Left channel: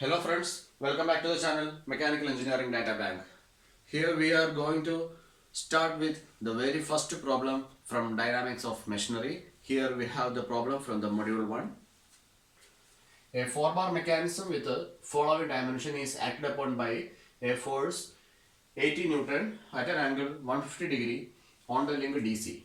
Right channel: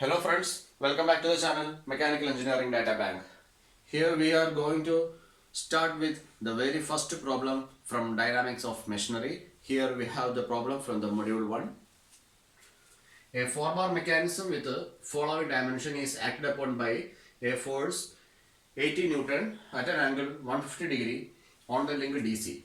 Hello friends, welcome back to the channel Mechanical Engineering Data Bank. Here we are going to start with the very first problem from Dynamics of Machinery. Here we have the problem from the module 1. A 4-bar mechanism with the following dimension is acted upon by a force 80 Newton at an angle 150 degree on the link DC.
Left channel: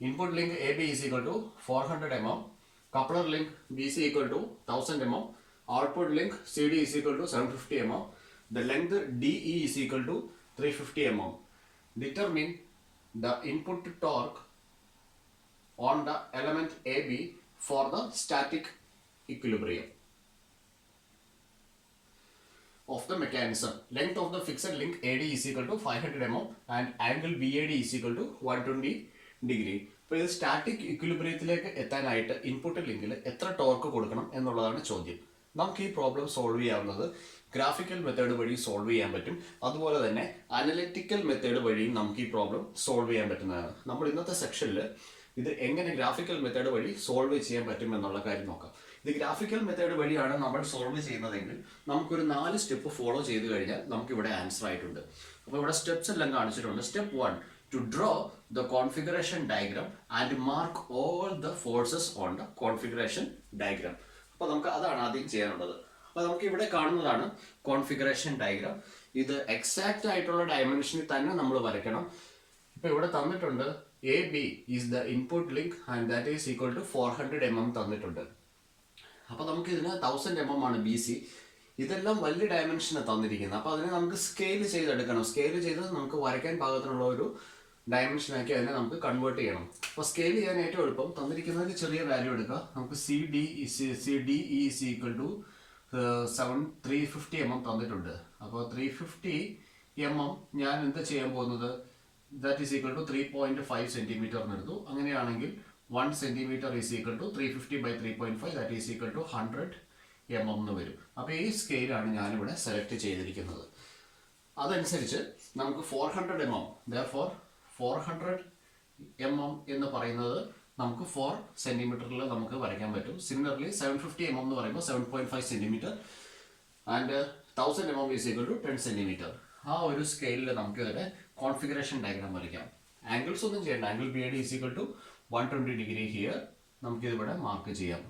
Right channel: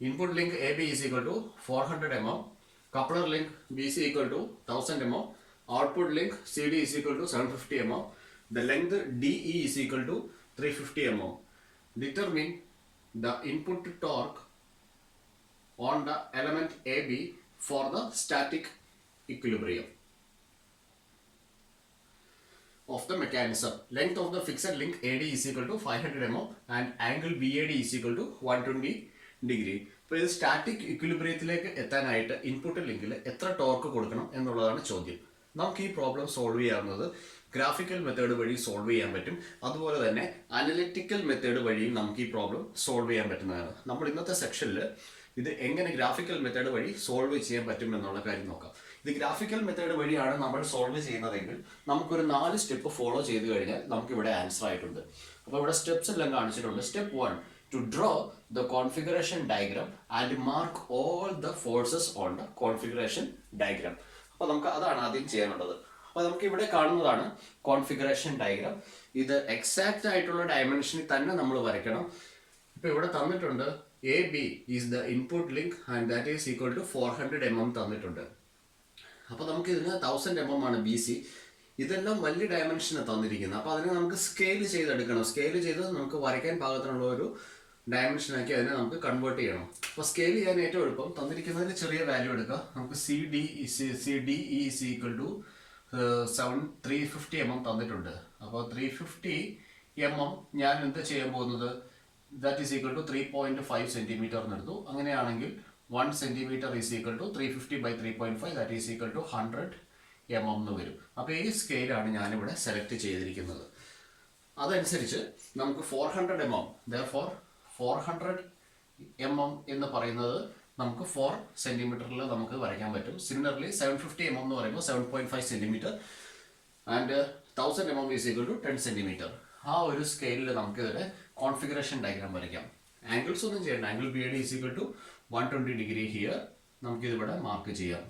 Input link AB is equal to 400 mm, coupler link BC equal to 1000 mm, output link CD is equal to 750 mm, the length DE is equal to 350 mm. Determine the input torque on the element AB for the static equilibrium of the mechanism. Length of the fixed link AD is equal to 500 mm and angle BAD is equal to 120 degree. അപ്പോൾ ഇത് static ഇക്വിലിബ്രിയത്തിലേക്ക് എത്താനായിട്ട് input ലിങ്കിൽ എത്ര torque കൊടുക്കണം എന്നുള്ളതാണ് ചോദ്യം. നമുക്ക് ഈ പ്രോബ്ലം സോൾവ് ചെയ്യാവുന്നത് ഗ്രാഫിക്കൽ മെത്തേഡ് വഴി സോൾവ് ചെയ്യാൻ പറ്റും. അതുപോലെ തന്നെ അനലിറ്റിക്കൽ മെത്തേഡ് വഴിയും നമുക്ക് ഈ പ്രോബ്ലം സോൾവ് ചെയ്യാൻ പറ്റുന്നതാണ്. നമ്മൾ ഇന്നത്തെ സെക്ഷനിൽ ഇത് എങ്ങനെ ഗ്രാഫിക്കൽ മെത്തേഡ് വഴി സോൾവ് ചെയ്യാൻ പറ്റും എന്നുള്ള കാര്യം നോക്കാം. ഇത് ഗ്രാഫിക്കൽ മെത്തേഡ് വഴിയാണ് നമ്മൾ സോൾവ് ചെയ്യുന്നതെങ്കിൽ നമുക്കൊരു 4 സ്റ്റെപ്പ് ഫോളോ ചെയ്ത് കഴിഞ്ഞാൽ നമുക്കിവിടെ ആൻസർ ആയിട്ടുണ്ട്. അപ്പോൾ ഇവിടെ സ്റ്റെപ്സ് എല്ലാം കാണിച്ചിട്ടുണ്ട്. Step 1, to draw the configuration diagram and mark all the forces on the configuration diagram. അപ്പോൾ നമുക്ക് അതാണ് ആദ്യം ചെയ്യാനുള്ളത്. അപ്പോൾ നമുക്ക് ഇവിടെ കാണുന്നതാണ് കോൺഫിഗറേഷൻ ഡയഗ്രാം. ഇത് എക്സാക്റ്റ് ആയിട്ടുള്ള ഡയമെൻഷനിൽ തന്നെ നമ്മൾ വരയ്ക്കണം. ഇപ്പോൾ ഇവിടെ തന്നിട്ടുണ്ട് AB is the input link and that is equal to 400 mm തന്നിട്ടുണ്ട്. അപ്പോൾ നമുക്ക് ഇതിന് 1000 mm ആണ് BC. ഇതെല്ലാം വലിയ ഡയമെൻഷന് തന്നിരിക്കുന്നത്. അപ്പോൾ അതിനെ നമുക്ക് സ്കെയിൽ ചെയ്തെടുക്കണം. സ്കെയിൽ ചെയ്ത് നമുക്ക് വരയ്ക്കാൻ പാകത്തിനുള്ള ഒരു ഡയമെൻഷനാക്കി അതിനെ നമുക്ക് കൺവേർട്ട് ചെയ്യണം. അപ്പോൾ സ്കെയിൽ ചെയ്യാൻ ഏറ്റവും എളുപ്പം തന്നിരിക്കുന്നതിന് ചെറിയ വാല്യൂ എടുക്കുക. നമുക്ക് CDE is equal to 350 mm തന്നിട്ടുണ്ട്. അപ്പോൾ 350 mm ഞാൻ എന്ത് ചെയ്യാൻ പോകുന്നത്, that is equal to 3.5 centimetre എന്നെടുത്തു. അങ്ങനെയാണെങ്കിൽ 1 centimetre is equal to 350 by 3.5 that is equal to 100 mm എന്ന് വരും. അപ്പോൾ ഈ സ്കെയിലാണ് ഞാനിവിടെ സെലക്ട് ചെയ്തിരിക്കുന്നത്. അതനുസരിച്ച് നമുക്ക് 400 mm, therefore 400 mm എന്ന് പറയുന്നത് നമുക്ക് 4 സെൻറ്റിമീറ്ററിൽ നമുക്ക് വരയ്ക്കാൻ പറ്റും. സിമിലർലി 750 mm എന്ന് പറയുമ്പോൾ 7.5 centimetre and 1000 mm is equal to 10 centimetre. ആ ഒരു സ്കെയിലിൽ നമുക്ക് ഇതിന് കോൺഫിഗറേഷൻ ഡയഗ്രാം വരയ്ക്കാം. ആംഗിൾസ് ഒന്നും ചെയ്യണ്ട. Angle BAD is equal to 120 degree here നമുക്കിതിവിടെ മാർക്ക് ചെയ്യാം.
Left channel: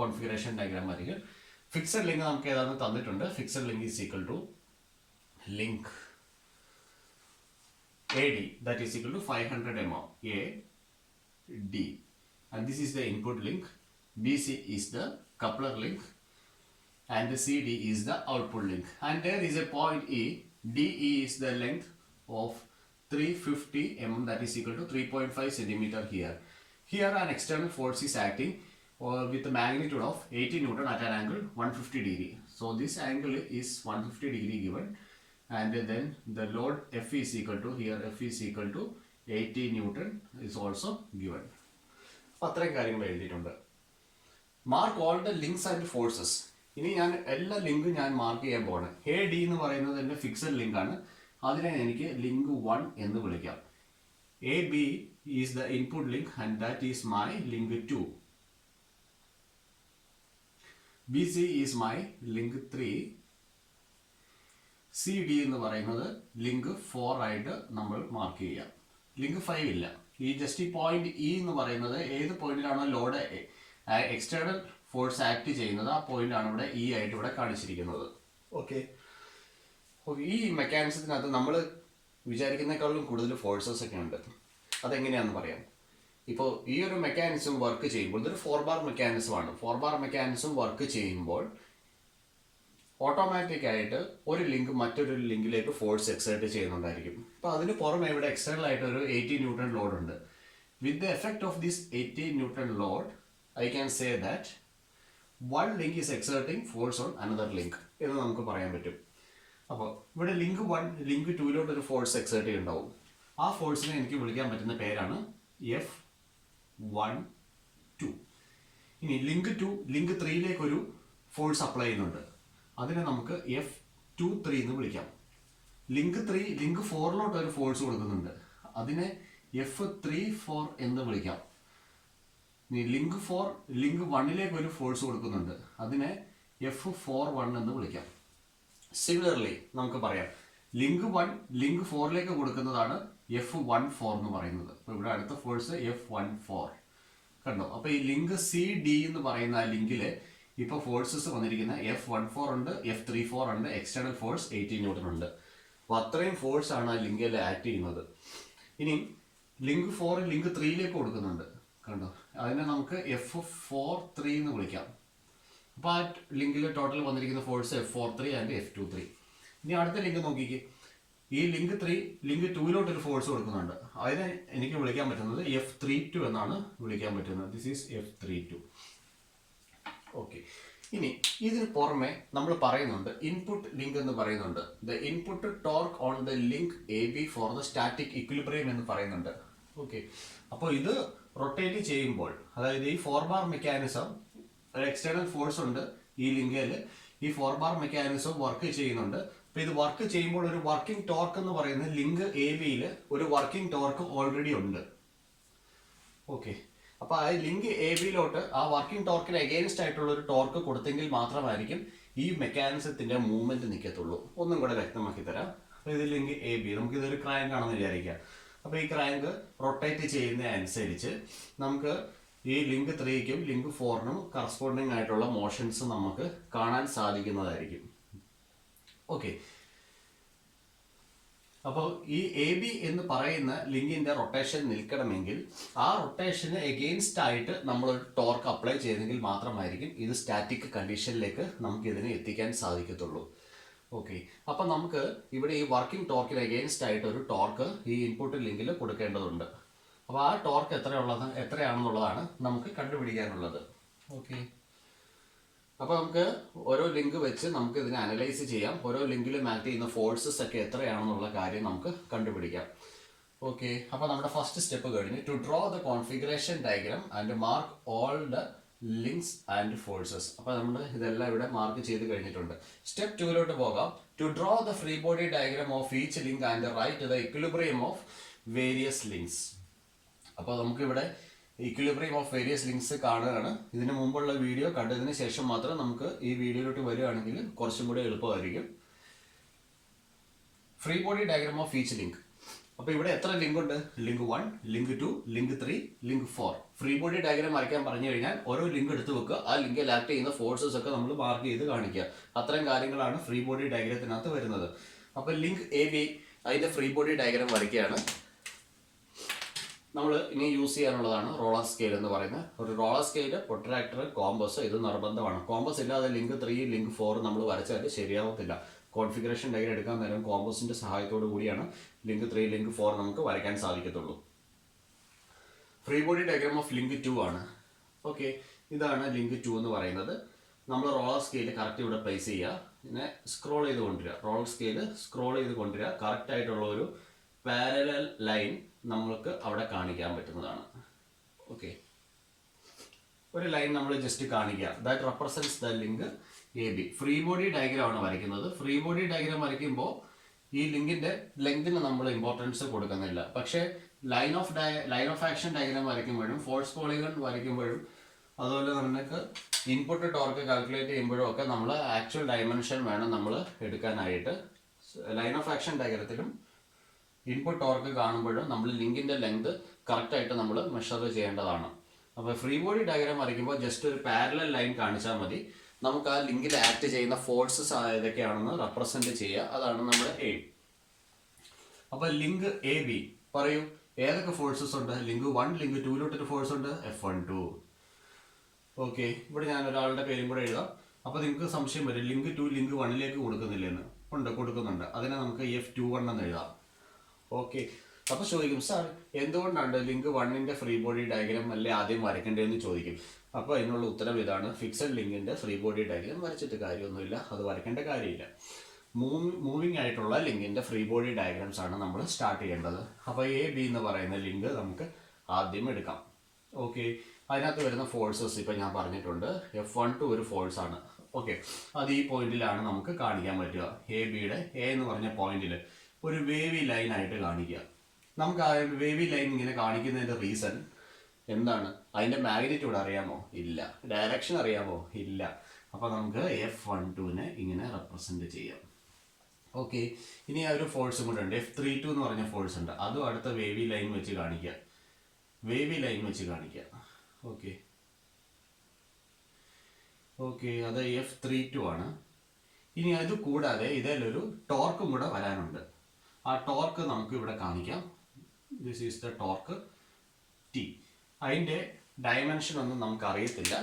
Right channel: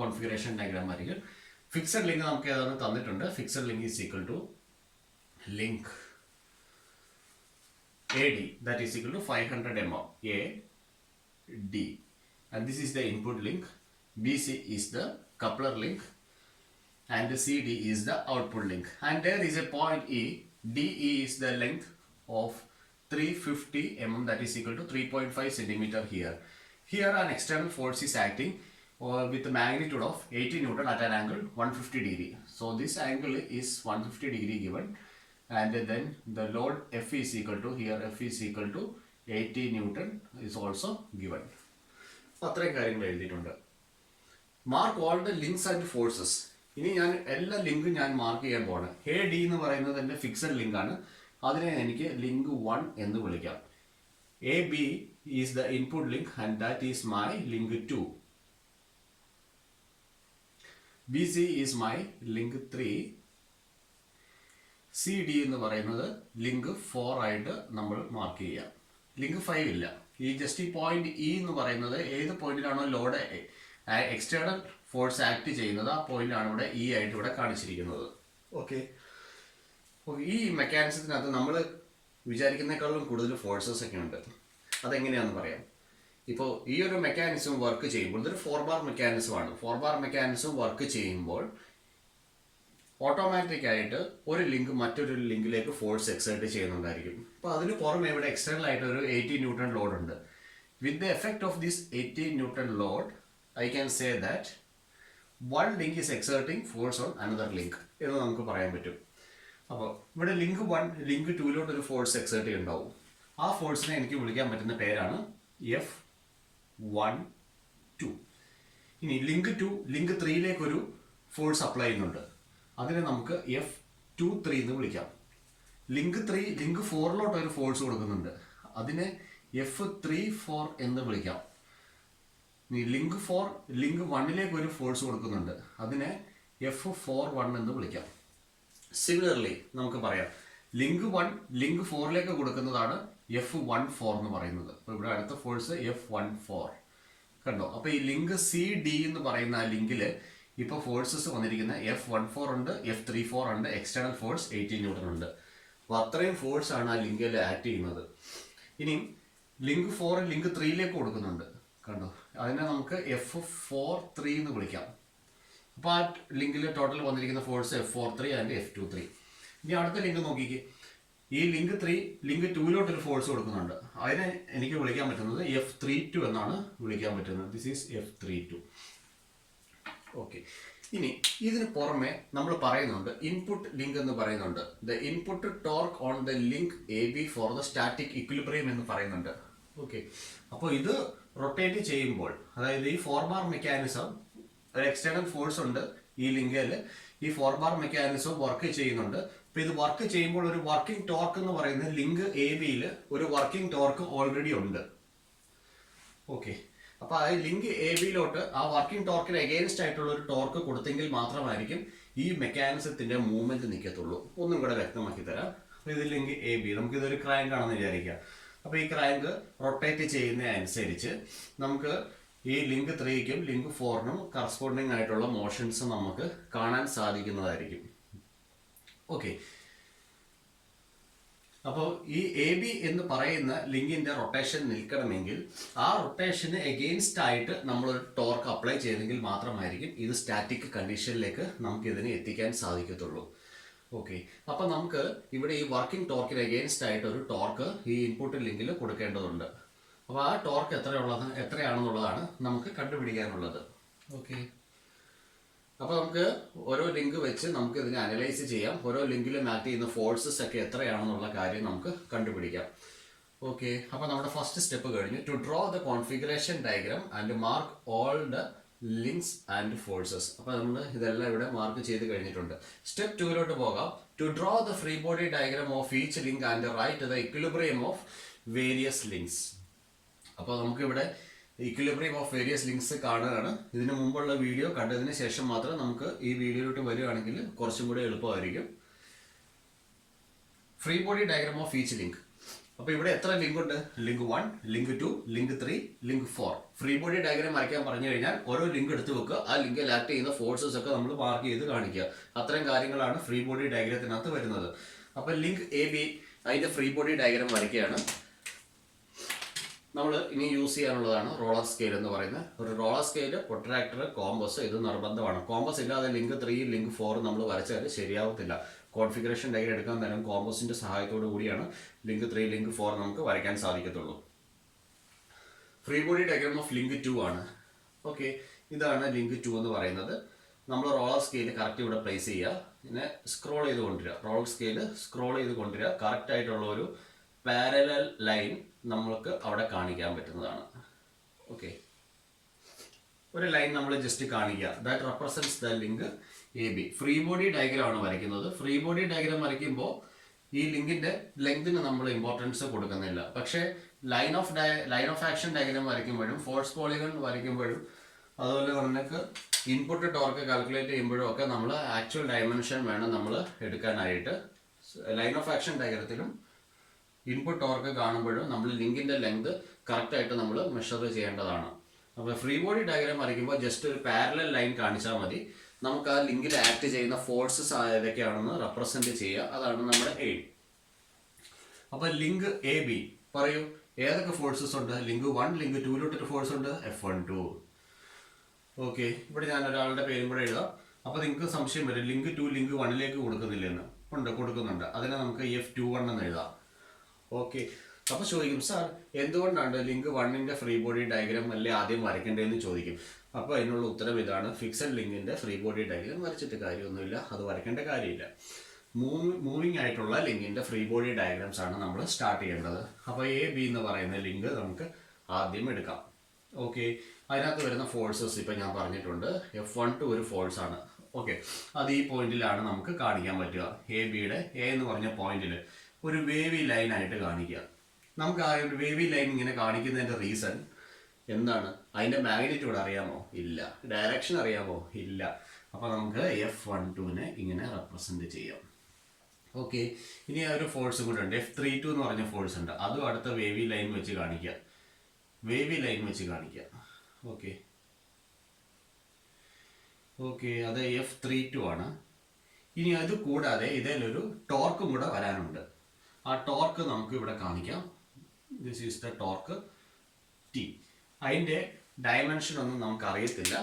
കോൺഫിഗറേഷൻ ഡയഗ്രാം വരയ്ക്കും. ഫിക്സഡ് ലിങ്ക് നമുക്ക് ഏതാണ് തന്നിട്ടുണ്ട്. Fixed link is equal to link AD that is equal to 500 mm AD, and this is the input link. BC is the coupler link and CD is the output link, and there is a point E. DE is the length of 350 mm that is equal to 3.5 centimeter here. Here an external force is acting with a magnitude of 80 Newton at an angle 150 degree. So this angle is 150 degree given, and then the load F is equal to, here F is equal to 80 Newton is also given. അത്രയും കാര്യങ്ങൾ എഴുതിയിട്ടുണ്ട്. Mark all the links and forces. ഇനി ഞാൻ എല്ലാ ലിങ്കും ഞാൻ mark ചെയ്യാൻ പോകണം. AD എന്ന് പറയുന്നത് എൻ്റെ ഫിക്സഡ് ലിങ്കാണ്. അതിനെ എനിക്ക് ലിങ്ക് 1 എന്ന് വിളിക്കാം. AB is the input link and that is my link 2. BC is my link 3. CD എന്ന് പറയുന്നത് ലിങ്ക് 4 ആയിട്ട് നമ്മൾ മാർക്ക് ചെയ്യാം. ലിങ്ക് 5 ഇല്ല. ഈ ജസ്റ്റ് ഈ പോയിന്റ് E എന്ന് പറയുന്നത് ഏത് പോയിന്റിലാണോ ലോഡ് എക്സ്റ്റേണൽ ഫോഴ്സ് ആക്ട് ചെയ്യുന്നത് ആ പോയിന്റാണ് ഇവിടെ E ആയിട്ട് ഇവിടെ കാണിച്ചിരിക്കുന്നത്. ഓക്കെ, ഈ മെക്കാനിസത്തിനകത്ത് നമ്മൾ വിചാരിക്കുന്നതിനേക്കാളും കൂടുതൽ ഫോഴ്സസ് ഒക്കെ ഉണ്ട്. അതെങ്ങനെയാണെന്ന് പറയാം. ഇപ്പോൾ ഈ ഒരു മെക്കാനിസം വർക്ക് ചെയ്യുമ്പോൾ ഇതൊരു 4-bar മെക്കാനിസമാണ്. 4-bar മെക്കാനിസം വർക്ക് ചെയ്യുമ്പോൾ ഓട്ടോമാറ്റിക് ആയിട്ട് ഒരു ലിങ്ക് മറ്റൊരു ലിങ്കിലേക്ക് ഫോഴ്സ് എക്സേർട്ട് ചെയ്യുന്നുണ്ടായിരിക്കും. അപ്പോൾ അതിന് പുറമെ ഇവിടെ എക്സ്റ്റേണൽ ആയിട്ട് ഒരു 80 ന്യൂട്ടൺ ലോഡ് ഉണ്ട്. With the effect of this 80 newton load I can say that one link is exerting force on another link എന്ന് നമുക്ക് പറയാൻ പറ്റും. അപ്പോൾ ഇവിടെ ലിങ്ക് 1 ലിങ്ക് 2 ഒരു ഫോഴ്സ് എക്സേർട്ട് ചെയ്യുന്നുണ്ടാവും. ആ ഫോഴ്സിനെ എനിക്ക് വിളിക്കാൻ പറ്റുന്ന പേരാണ് F12. ഇനി ലിങ്ക് 2 ലിങ്ക് 3 ഒരു ഫോഴ്സ് അപ്ലൈ ചെയ്യുന്നുണ്ട്. അതിനെ നമുക്ക് F23 എന്ന് വിളിക്കാം. ലിങ്ക് 3 ലിങ്ക് 4 ഒരു ഫോഴ്സ് കൊടുക്കുന്നുണ്ട്. അതിനെ F34 എന്ന് വിളിക്കാം. ലിങ്ക് 4 ലിങ്ക് 1 ഒരു ഫോഴ്സ് കൊടുക്കുന്നുണ്ട്. അതിനെ F41 എന്ന് വിളിക്കാം. സിമിലർലി നമുക്ക് പറയാം ലിങ്ക് 1 ലിങ്ക് 4ലേക്ക് കൊടുക്കുന്നതാണ് F14 എന്ന് പറയുന്നത്. അപ്പോൾ ഇവിടെ അടുത്ത ഫോഴ്സ് F14 കണ്ടോ. അപ്പോൾ ഈ ലിങ്ക് CD എന്ന് പറയുന്ന ആ ലിങ്കിൽ ഇപ്പോൾ ഫോഴ്സസ് വന്നിരിക്കുന്ന F14 ഉണ്ട്, F34 ഉണ്ട്, എക്സ്റ്റേണൽ ഫോഴ്സ് 18 ന്യൂട്ടൺ ഉണ്ട്. അപ്പോൾ അത്രയും ഫോഴ്സ് ആണ് ആ ലിങ്കിൽ ആക്ട് ചെയ്യുന്നത്. ഇനി ലിങ്ക് 4 ലിങ്ക് 3ലേക്ക് കൊടുക്കുന്നുണ്ട് കണ്ടോ. അതിനെ നമുക്ക് F43 എന്ന് വിളിക്കാം. അപ്പോൾ ആ ലിങ്കിൽ ടോട്ടൽ വന്നിരിക്കുന്ന ഫോഴ്സ് F43 ആൻഡ് F23. ഇനി അടുത്ത ലിങ്ക് നോക്കിക്കേ. ഈ ലിങ്ക് 3 ലിങ്ക് 2 ഒരു ഫോഴ്സ് കൊടുക്കുന്നുണ്ട്. അതിനെ എനിക്ക് വിളിക്കാൻ പറ്റുന്നത് F32 എന്നാണ് വിളിക്കാൻ പറ്റുന്നത്. This is F32. ഓക്കെ. ഇനി ഇതിന് പുറമെ നമ്മൾ പറയുന്നുണ്ട് ഇൻപുട്ട് ലിങ്ക് എന്ന് പറയുന്നുണ്ട്. The input torque on the link AB for the static equilibrium എന്ന് പറയുന്നുണ്ട്. ഓക്കെ. അപ്പോൾ ഇത് റൊട്ടേറ്റ് ചെയ്യുമ്പോൾ, അതായത് ഈ 4 ബാർ മെക്കാനിസം ഒരു എക്സ്റ്റേണൽ ഫോഴ്സ് ഉണ്ട് ഈ ലിങ്കിൽ, ഈ 4 ബാർ മെക്കാനിസം വർക്ക് ചെയ്യുന്നുണ്ട്. അപ്പോൾ ഇത് വർക്ക് ചെയ്യുമ്പോൾ ഒരു വർക്കിംഗ് ടോർക്ക് എന്ന് പറയുന്നത് ലിങ്ക് AB-യിൽ ഒരു വർക്കിംഗ് ടോർക്ക് ഓൾറെഡി ഉണ്ട്. ഓക്കെ. അപ്പോൾ ആ ലിങ്ക് AB-യിലോട്ട് ആ വർക്കിംഗ് ടോർക്കിന് എഗെയിൻസ്റ്റ് ആയിട്ടുള്ള ഒരു ടോർക്ക് കൊടുത്തെങ്കിൽ മാത്രമായിരിക്കും ഈ മെക്കാനിസത്തിന്റെ മൂവ്മെന്റ് നിൽക്കത്തുള്ളൂ. ഒന്നും കൂടെ വ്യക്തമാക്കി തരാം. അപ്പോൾ ഇത് ലിങ്ക് AB, നമുക്കിതൊരു ക്രാങ്ക് ആണെന്ന് വിചാരിക്കാം. അപ്പോൾ ഈ ക്രാങ്ക് റൊട്ടേറ്റ് ചെയ്യുന്ന അനുസരിച്ച് നമുക്ക് ഈ ലിങ്ക് 3ക്കും ലിങ്ക് 4നും കറസ്പോണ്ടിങ് ആയിട്ടുള്ള മോഷൻസ് നമുക്ക് കാണാൻ സാധിക്കുന്നതായിരിക്കും. ഓക്കെ. അപ്പോൾ ഈ AB എന്ന് പറയുന്ന ലിങ്കിന്റെ റൊട്ടേഷൻ നിൽക്കണമെങ്കിൽ ആ റൊട്ടേഷന് എഗെയിൻസ്റ്റ് ആയിട്ട് നമ്മൾ ഒരു ടോർക്ക് അപ്ലൈ ചെയ്തെങ്കിൽ മാത്രമായിരിക്കും ഇത് സ്റ്റാറ്റിക് കണ്ടീഷനിലേക്ക് നമുക്ക് ഇതിനെ എത്തിക്കാൻ സാധിക്കത്തുള്ളൂ. ഓക്കെ. അപ്പം നമുക്ക് ഇവിടെ ഈ വർക്കിംഗ് ടോർക്കിന് എഗെയിൻസ്റ്റ് ആയിട്ട് ഒരു ടോർക്ക് ഈ ഇൻപുട്ട് ലിങ്കിൽ കൊടുക്കേണ്ടതുണ്ട്. അപ്പോൾ ആ ടോർക്ക് എത്രയാണെന്നുള്ളതാണ് നമുക്ക് കണ്ടുപിടിക്കാനുള്ളത്. ഓക്കെ. അപ്പോൾ നമുക്ക് ഓരോ ലിങ്ക് വെച്ച് നമുക്ക് ഇതിനെ അനലൈസ് ചെയ്യാം. ഓരോ ലിങ്കിലും ആക്ട് ചെയ്യുന്ന ഫോഴ്സസ് ഒക്കെ എത്രയാണെന്നുള്ള കാര്യം നമുക്ക് കണ്ടുപിടിക്കാം. ഓക്കെ. അപ്പോൾ നമ്മുടെ ഫസ്റ്റ് സ്റ്റെപ്പ് കഴിഞ്ഞു. To draw the configuration diagram and mark all the links and forces. അപ്പോൾ നമ്മൾ ഇതെല്ലാം ഇവിടെ മാർക്ക് ചെയ്ത് കഴിഞ്ഞിട്ടുണ്ട്. സ്റ്റെപ്പ് 2 പോകാം. To draw the free body diagram of each link and write the equilibrium of various links. അപ്പോൾ നമുക്കിവിടെ ഇക്വിലിബ്രിയം ഓഫ് വേരിയസ് ലിങ്ക്സ് കാണുകയാണ്. ഇതിന് മുമ്പുള്ള വീഡിയോ കണ്ടതിന് ശേഷം മാത്രം നമുക്ക് ഈ വീഡിയോയിലോട്ട് വരികയാണെങ്കിൽ കുറച്ചും കൂടി എളുപ്പമായിരിക്കും. Free body diagram of each link. അപ്പോൾ ഇവിടെ എത്ര ലിങ്ക് ഉണ്ട്? Link 1, link 2, link 3, link 4. Free body diagram വരയ്ക്കാൻ പറഞ്ഞു കഴിഞ്ഞാൽ ഓരോ ലിങ്ക് എടുത്ത് വെക്കുക. ആ ലിങ്കിൽ ആക്ട് ചെയ്യുന്ന ഫോഴ്സസ് ഒക്കെ നമ്മൾ മാർക്ക് ചെയ്ത് കാണിക്കുക. അത്രയും കാര്യങ്ങളാണ് ഫ്രീ ബോഡി ഡയഗ്രത്തിനകത്ത് വരുന്നത്. അപ്പോൾ ലിങ്ക് AB അതിൻ്റെ ഫ്രീ ബോഡി ഡയഗ്രാം വരയ്ക്കുകയാണ്. നമ്മൾ ഇനി യൂസ് ചെയ്യാനുള്ളതാണ് റോളർ സ്കെയിൽ എന്ന് പറയുന്നത്. ഒരു റോളർ സ്കെയിൽ, പ്രൊട്രാക്ടർ, കോമ്പസ് ഇത് നിർബന്ധമാണ്. കോമ്പസ് ഇല്ലാതെ ലിങ്ക് 3, ലിങ്ക് 4 നമ്മൾ വരച്ചാൽ ശരിയാവത്തില്ല. കോൺഫിഗറേഷൻ ഡയഗ്രം എടുക്കാൻ നേരം കോമ്പസിന്റെ സഹായത്തോടു കൂടിയാണ് ലിങ്ക് 3, ലിങ്ക് 4 നമുക്ക് വരയ്ക്കാൻ സാധിക്കത്തുള്ളൂ. Free body diagram of link 2 ആണ്. ഓക്കെ. ഇതാണ് ലിങ്ക് 2 എന്ന് പറയുന്നത്. നമ്മൾ റോളർ സ്കെയിൽ കറക്റ്റ് ഇവിടെ പ്ലേസ് ചെയ്യുക. പിന്നെ സ്ക്രോൾ ചെയ്ത് കൊണ്ടുവരിക. റോളർ സ്കെയിൽ സ്ക്രോൾ ചെയ്ത് കൊണ്ടുവരിക. കറക്റ്റ് ആയിട്ടുള്ള ഒരു പാരലൽ ലൈൻ നമ്മൾക്ക് അവിടെ കാണിക്കാൻ പറ്റുന്നതാണ്. ഓക്കെ. ഒരു ലൈൻ നമ്മൾ ജസ്റ്റ് കാണിക്കുക. That represents the link AB. Free body diagram ആണ് വരയ്ക്കുന്നത്. ഫ്രീ ബോഡി ഡയഗ്രാം വരയ്ക്കുമ്പോൾ ഈ ലിങ്കിന്റെ ലെങ്തിന് നമ്മൾ ഇമ്പോർട്ടൻസ് കൊടുക്കുന്നില്ല. പക്ഷേ ലൈൻ ഓഫ് ആക്ഷൻ ഡയഗ്രാം വരയ്ക്കുമ്പോഴും ഫോഴ്സ് പോളിഗൺ വരയ്ക്കുമ്പോഴും അതുപോലെ നമുക്ക് ഇൻപുട്ട് ടോർക്ക് കാൽക്കുലേറ്റ് ചെയ്യുമ്പോഴും ഒക്കെ നമ്മൾ ആക്ച്വൽ ഡയമെൻഷൻ വേണം നമ്മൾ എടുക്കാനായിട്ട്. ലൈൻ ഓഫ് ആക്ഷൻ ഡയഗ്രത്തിലും ഇൻപുട്ട് ടോർക്ക് കാണുമ്പോഴും നമ്മൾ ലിങ്കിന്റെ ലെങ്ത് കറക്റ്റായിട്ട് നമ്മൾ മെഷർ ചെയ്യേണ്ടതാണ്. അപ്പോൾ ഫ്രീ ബോഡി ഡയഗ്രാം വരയ്ക്കുമ്പോൾ ജസ്റ്റ് ഒരു പാരലൽ ലൈൻ കാണിച്ചാൽ മതി. നമുക്ക് ആ ലിങ്കിൽ ആക്ട് ചെയ്യുന്ന ഫോഴ്സസ് ഏതൊക്കെയാണെന്ന് റെപ്രസെന്റ് ചെയ്യുക. അതാണ് നമ്മുടെ എയിം. അപ്പോൾ ലിങ്ക് AB പറയൂ, ഏതൊക്കെ ഫോഴ്സസ് ഉണ്ട്? ലിങ്ക് 1, ലിങ്ക് 2 ഫോഴ്സ് ഉണ്ട്, F12. ഓക്കെ. ഇവിടെ ഞാൻ ഒരാളുടെ പേരും കൂടെ എഴുതാം. അപ്പോൾ നിങ്ങൾക്ക് സംശയം വരും, ലിങ്ക് 2 ലിങ്ക് 1ലേക്ക് കൊടുക്കുന്നില്ലെന്ന്. ഉണ്ട്, കൊടുക്കുന്നുണ്ട്. അതിനെ നമുക്ക് F21 എന്ന് എഴുതാം. ഓക്കെ. അപ്പോൾ ചോദിക്കും, സാർ എന്തുകൊണ്ടാണ് ലിങ്ക് 1ന്റെ ഫ്രീ ബോഡി ഡയഗ്രാം അല്ലേ ആദ്യം വരയ്ക്കേണ്ടതെന്ന് ചോദിക്കും. അപ്പോൾ അതിനുള്ള ഉത്തരം ഇതാണ്. ഫിക്സഡ് ലിങ്കിന്റെ ഫ്രീ ബോഡി ഡയഗ്രാം വരച്ചിട്ട് കാര്യമൊന്നുമില്ല, അത് വരയ്ക്കേണ്ട കാര്യമില്ല. മൂവിങ് ആയിട്ടുള്ള ലിങ്കിന്റെ ഫ്രീ ബോഡി ഡയഗ്രാംസ് ആണ് നമ്മൾ സ്റ്റാർട്ട് ചെയ്യേണ്ടത്. അപ്പോൾ AB എന്ന് പറയുന്ന ലിങ്ക് നമുക്ക് ആദ്യം എടുക്കാം. ഓക്കെ. അതിനകത്ത് വരുന്ന ഫോഴ്സസ് ഇപ്പം ഞാൻ പറഞ്ഞിട്ടുണ്ട്. F12 ഒരു ഫോഴ്സ് ആണ്. ഓക്കെ. അത് ഈ പോയിന്റിലാണ് നമുക്ക് കാണിക്കാൻ പറ്റുക. ABയുടെ A എന്ന് പറഞ്ഞ പോയിന്റിൽ ഒരു വേവി ലൈൻ ആയിട്ട് കാണിക്കുക. നമുക്ക് ആ ഒരു വേവി ലൈൻ ഇങ്ങനെ കാണിക്കുന്നതിന്റെ റീസൺ എന്താണ്? അതിന്റെ മാഗ്നിറ്റ്യൂഡ് അറിയാമോ? ഇല്ല. ഡയറക്ഷൻ അറിയാമോ? ഇല്ല. അപ്പോൾ നമുക്ക് F12നെ ഇങ്ങനെ റെപ്രസെൻറ്റ് ചെയ്യാം. ഓക്കെ, ഇനി ആ ഒരു ഫോഴ്സും കൂടെ ഉണ്ട്, F32 എന്ന് പറഞ്ഞ ഫോഴ്സ് ഉണ്ട്. അതും അടുത്ത വേവി ലൈൻ വെച്ച് കാണിക്കാം. ഓക്കെ ഓക്കെ, അത് F32 ആണ്. ഇനി അത് കൂടാതെ ഇതിലൊരു ടോർക്കും കൂടെ വരാനുണ്ട്. ആ ടോർക്ക് നമുക്ക് ഇവിടെ കാണിക്കാം. This is the torque T. അതിൻ്റെ ഡയമെൻഷൻ ഒന്നും നമുക്ക് അറിയത്തില്ല,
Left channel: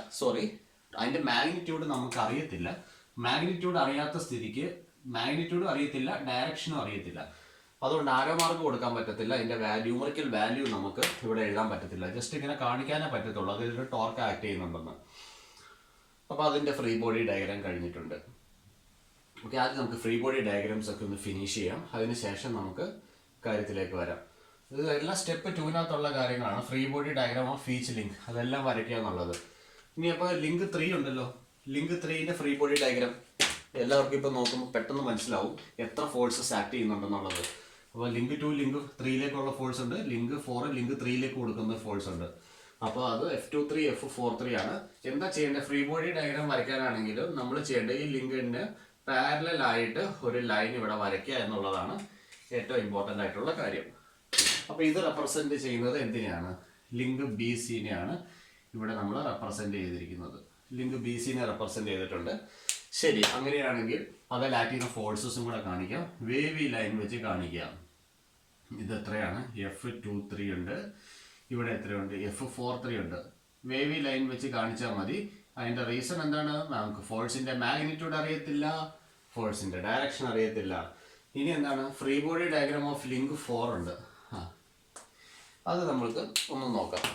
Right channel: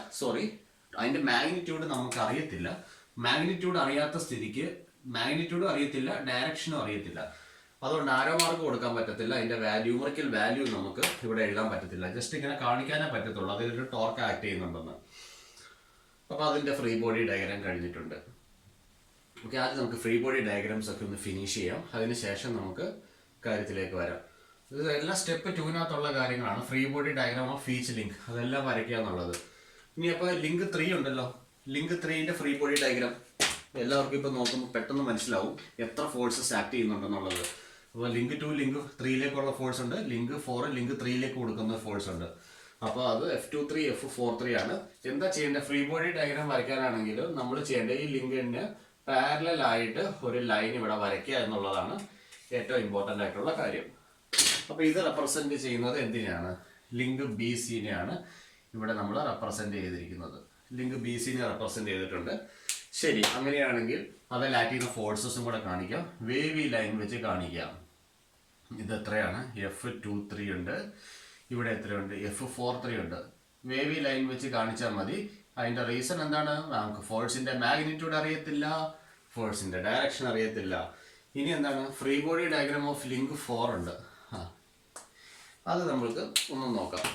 അതിൻ്റെ മാഗ്നിറ്റ്യൂഡ് നമുക്ക് അറിയത്തില്ല. മാഗ്നിറ്റ്യൂഡ് അറിയാത്ത സ്ഥിതിക്ക് മാഗ്നിറ്റ്യൂഡും അറിയത്തില്ല, ഡയറക്ഷനും അറിയത്തില്ല. അതുകൊണ്ട് ആരോ മാർക്ക് കൊടുക്കാൻ പറ്റത്തില്ല. അതിൻ്റെ ന്യൂമറിക്കൽ വാല്യൂ നമുക്ക് ഇവിടെ എഴുതാൻ പറ്റത്തില്ല. ജസ്റ്റ് ഇങ്ങനെ കാണിക്കാനേ പറ്റത്തുള്ളൂ അതിലൊരു ടോർക്ക് ആക്ട് ചെയ്യുന്നുണ്ടെന്ന്. അപ്പോൾ അതിൻ്റെ ഫ്രീ ബോഡി ഡയഗ്രാം കഴിഞ്ഞിട്ടുണ്ട്. ഓക്കെ, ആദ്യം നമുക്ക് ഫ്രീ ബോഡി ഡയഗ്രാംസ് ഒക്കെ ഒന്ന് ഫിനിഷ് ചെയ്യാം. അതിനുശേഷം നമുക്ക് കാര്യത്തിലേക്ക് വരാം. ഇതെല്ലാം സ്റ്റെപ്പ് 2-നകത്തുള്ള കാര്യങ്ങളാണ്. Free body diagram of each link അതെല്ലാം വരയ്ക്കുക എന്നുള്ളത്. ഇനി അപ്പോൾ ലിങ്ക് 3 ഉണ്ടല്ലോ, ലിങ്ക് 3ൻ്റെ ഫ്രീ ബോഡി ഡയഗ്രാം എല്ലാവർക്കും ഇപ്പോൾ നോക്കുമ്പോൾ പെട്ടെന്ന് മനസ്സിലാവും എത്ര ഫോഴ്സസ് ആക്ട് ചെയ്യുന്നുണ്ടെന്നുള്ളത്. അപ്പോൾ ലിങ്ക് 2 ലിങ്ക് 3ലേക്കുള്ള ഫോഴ്സ് ഉണ്ട്, ലിങ്ക് 4 ലിങ്ക് 3ലേക്ക് കൊടുക്കുന്ന ഫോഴ്സ് ഉണ്ട്. അപ്പോൾ അത് F23 F43 ആണ്. എന്താ ചെയ്യേണ്ടത്? ഫ്രീ ബോഡി ഡയഗ്രാം വരയ്ക്കാനാണെങ്കിൽ നമ്മൾ ചെയ്യേണ്ടത് ഈ ലിങ്കിന് പാരലൽ ആയിട്ട് ഒരു ലൈൻ ഇവിടെ വരയ്ക്കുക എന്നുള്ളതാണ് ഏറ്റവും ഇമ്പോർട്ടൻ്റ് ആയിട്ടുള്ള കാര്യം. അപ്പോൾ ഇത് റെപ്രസെൻറ്റ് ചെയ്യുന്നത് എന്തിനെയാണ്? ലിങ്ക് BCനെയാണ് ഇവിടെ നമ്മൾ റെപ്രസെൻറ്റ് ചെയ്തിരിക്കുന്നത്. ലിങ്ക് BCനെ റെപ്രസെൻറ്റ് ചെയ്തിട്ടുണ്ട്. ശരി, അങ്ങനെയാണെങ്കിൽ അതിൽ ആക്ട് ചെയ്യുന്ന ഫോഴ്സസും കൂടെ കാണിക്കാം. വേവി ലൈൻ വെച്ച് കാണിക്കാം. ഇത് എത്രയാണ്? F23 ഉണ്ട്. ഇവിടെ എത്രയുണ്ട്? F43 ഉണ്ട്. വേവി ലൈൻ വെച്ച് കാണിച്ചാൽ മതി. അതിൻ്റെ റീസൺ എന്താണ്? നമുക്ക് ഫോഴ്സിൻ്റെ മാഗ്നിറ്റ്യൂഡ് അറിയത്തില്ല, ഫോഴ്സിൻ്റെ ഡയറക്ഷൻ അറിയത്തില്ല. ഇനി എന്താണ്? Free body diagram of link 4 ഉണ്ട്. അത് നമ്മൾക്ക് ഒന്ന് നോക്കാം.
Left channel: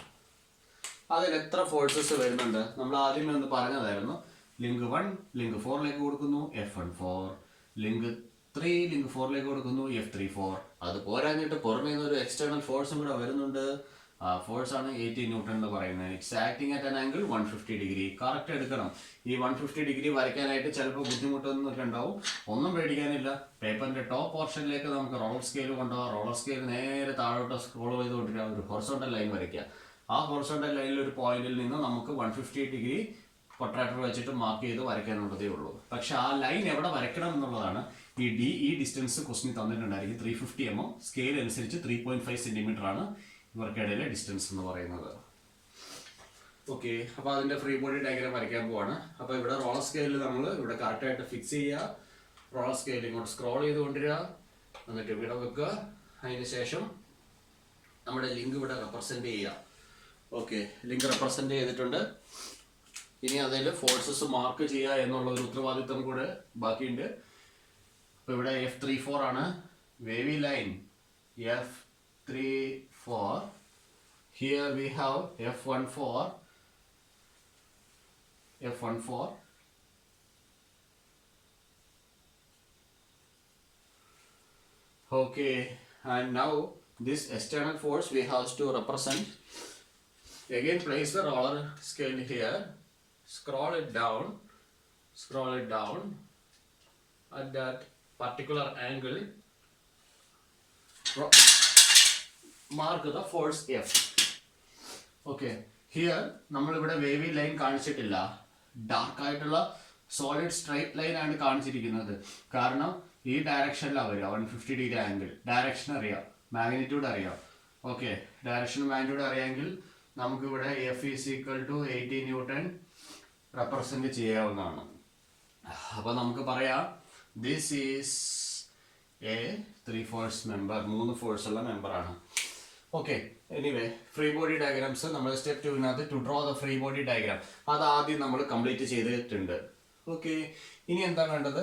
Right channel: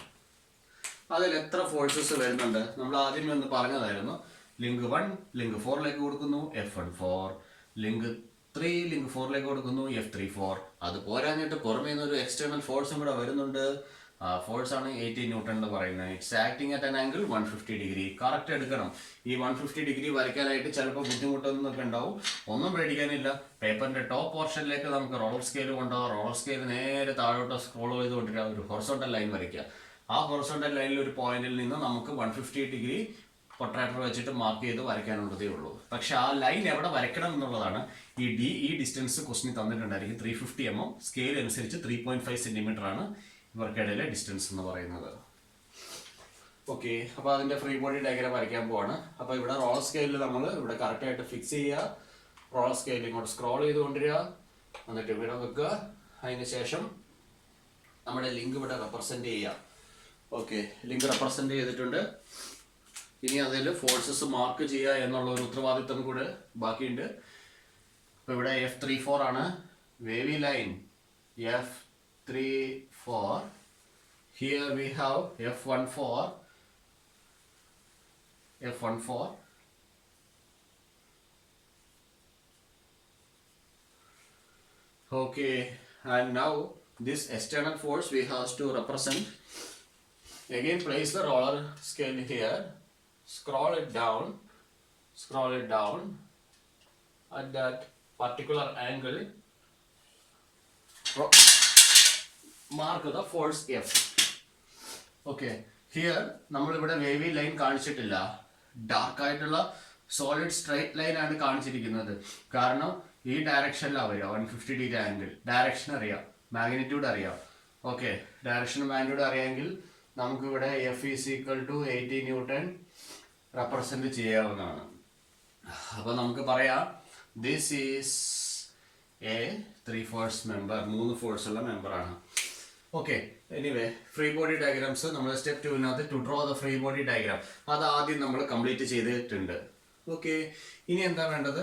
അതിൽ എത്ര ഫോഴ്സസ് വരുന്നുണ്ട്? നമ്മൾ ആദ്യമേ ഒന്ന് പറഞ്ഞതായിരുന്നു. ലിങ്ക് 1 ലിങ്ക് 4ലേക്ക് കൊടുക്കുന്നു, F14. ലിങ്ക് 3 ലിങ്ക് 4ലേക്ക് കൊടുക്കുന്നു, F34. അത് പോരാഞ്ഞിട്ട് പുറമേ നിന്ന് ഒരു എക്സ്റ്റേണൽ ഫോഴ്സും കൂടെ വരുന്നുണ്ട്. ഫോഴ്സ് ആണ് 80 ന്യൂട്ടൺ എന്ന് പറയുന്നത്. It's acting at an angle 150 degree. Correct എടുക്കണം. ഈ 150 ഡിഗ്രി വരയ്ക്കാനായിട്ട് ചിലപ്പോൾ ബുദ്ധിമുട്ടൊന്നൊക്കെ ഉണ്ടാവും. ഒന്നും പേടിക്കാനില്ല. പേപ്പറിൻ്റെ ടോപ്പ് പോർഷനിലേക്ക് നമുക്ക് റോളർ സ്കെയിൽ കൊണ്ടുപോകാം. റോളർ സ്കെയിൽ നേരെ താഴോട്ട് സ്ക്രോൾ ചെയ്തുകൊണ്ടിരിക്കുക. ഒരു ഹൊറിസോണ്ടൽ ലൈൻ വരയ്ക്കുക. ആ ഹൊറിസോണ്ടൽ ലൈനിൽ ഒരു പോയിന്റിൽ നിന്ന് നമുക്ക് 150 ഡിഗ്രി പ്രൊട്രാക്ടർ വെച്ചിട്ട് മാർക്ക് ചെയ്ത് വരയ്ക്കാനുള്ളതേ ഉള്ളൂ. പക്ഷെ ആ ലൈൻ എവിടെ വരയ്ക്കണം എന്നുള്ളതാണ് ഈ ഡിസ്റ്റൻസ് ക്വസ്റ്റിന് തന്നിട്ടുണ്ടായിരിക്കും. 350 mm. സ്കെയിൽ അനുസരിച്ച് 3.5 സെൻറ്റിമീറ്റർ ആണ് ഇവർക്കിടയിലെ ഡിസ്റ്റൻസ് എന്ന് പറയുന്നത്. ഓക്കെ, അപ്പോൾ അതിൻ്റെ ഫ്രീ ബോഡി ഡയഗ്രാം വരയ്ക്കാൻ പോവാണ്. അപ്പോൾ ഇവിടെ റോളർ സ്കെയിലിൽ നമ്മൾ ഇവിടെ കറക്റ്റായിട്ട് ഫിക്സ് ചെയ്യുക. റോളർ സ്കെയിൽ ഇങ്ങോട്ട് സ്ക്രോൾ ചെയ്തുകൊണ്ടിരിക്കുക, എന്നിട്ട് ഇവിടെ വെക്കുക. അതിന് ശേഷം നമ്മുടെ ലിങ്ക് ഇവിടെ റെപ്രസെൻറ്റ് ചെയ്യുക. ഓക്കെ, ലിങ്ക് റെപ്രസെൻറ്റ് ചെയ്തിട്ടുണ്ട്. ഇനി അതിൽ ഫോഴ്സസ് മാർക്ക് ചെയ്യുക എന്നുള്ള ഒരു ഉത്തരവാദിത്തം കൂടെ ബാക്കിയുണ്ട്. അപ്പോൾ ഇവിടെ F34 ആണ് വേവി line. F34. Here we have F14. Okay, and now this external force we have to represent. Again, place the roller scale here. Scroll it down at that particular angle. Mark the force F. Okay, here നമ്മളിവിടെ വേവി line കാണിച്ചിട്ടില്ല. Dark ആയിട്ടുള്ള solid straight line ആണ് കാണിച്ചിരിക്കുന്നത്. കാരണം ഈ ഡയറക്ഷനിലാണ് വരിക. 150 ഡിഗ്രി ആംഗിൾ. ഡയറക്ഷൻ അറിയാം, മാഗ്നിറ്റ്യൂഡ് അറിയാം. ഓക്കെ, ഡയറക്ഷനും മാഗ്നിറ്റ്യൂഡ് അറിയാമെങ്കിൽ നമുക്കിവിടെ F is equal to 80 newton represent ചെയ്യാവുന്നതാണ്. അപ്പോൾ നമുക്ക് പറയാം this is a 3 force member. 3 force ഉള്ള മെമ്പറാണ്. Okay, anyway free body diagrams നമ്മൾ സ്റ്റെപ്പ് 2-നകത്ത് to draw the free body diagram അത് ആദ്യം നമ്മൾ കംപ്ലീറ്റ് ചെയ്തിട്ടുണ്ട്. ഓക്കെ, ഇനി എന്താ വേണ്ടത്?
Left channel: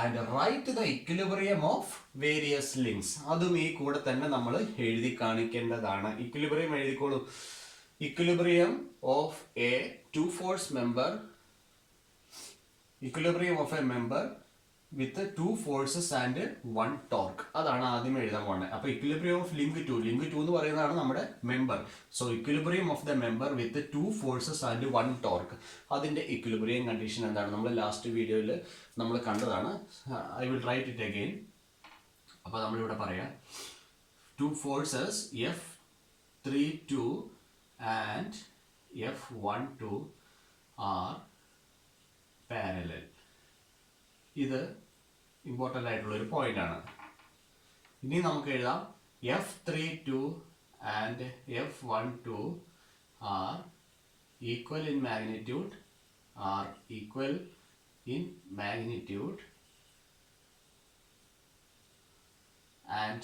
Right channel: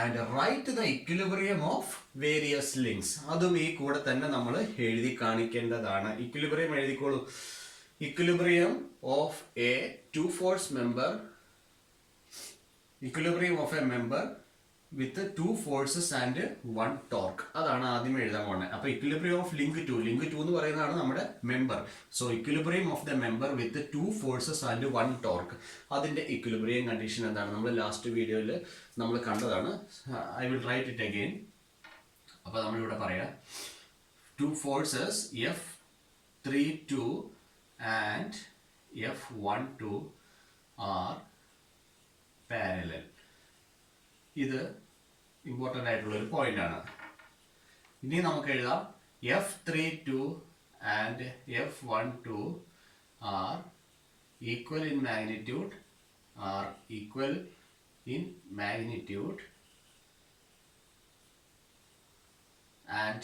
And write the equilibrium of various links. അതും ഈ കൂടെ തന്നെ നമ്മൾ എഴുതി കാണിക്കേണ്ടതാണ്. Equilibrium എഴുതിക്കോളൂ. Equilibrium of a two force member. Equilibrium of a member with two forces and one torque. അതാണ് ആദ്യം എഴുതാൻ പോകുന്നത്. അപ്പോൾ ഇക്വിലിബ്രിയം ഓഫ് ലിങ്ക് 2 എന്ന് പറയുന്നതാണ് നമ്മുടെ member. So equilibrium of the member with 2 forces and 1 torque. അതിൻ്റെ ഇക്വിലിബ്രിയം കണ്ടീഷൻ എന്താണ്? നമ്മൾ ലാസ്റ്റ് വീഡിയോയിൽ നമ്മൾ കണ്ടതാണ്. I will write it again. അപ്പോൾ നമ്മളിവിടെ പറയാം 2 forces F32 and F12 are parallel. ഇത് ഇമ്പോർട്ടൻ്റ് ആയിട്ടുള്ള ഒരു പോയിന്റ് ആണ്. ഇനി നമുക്ക് എഴുതാം F32 and F12 are equal in magnitude and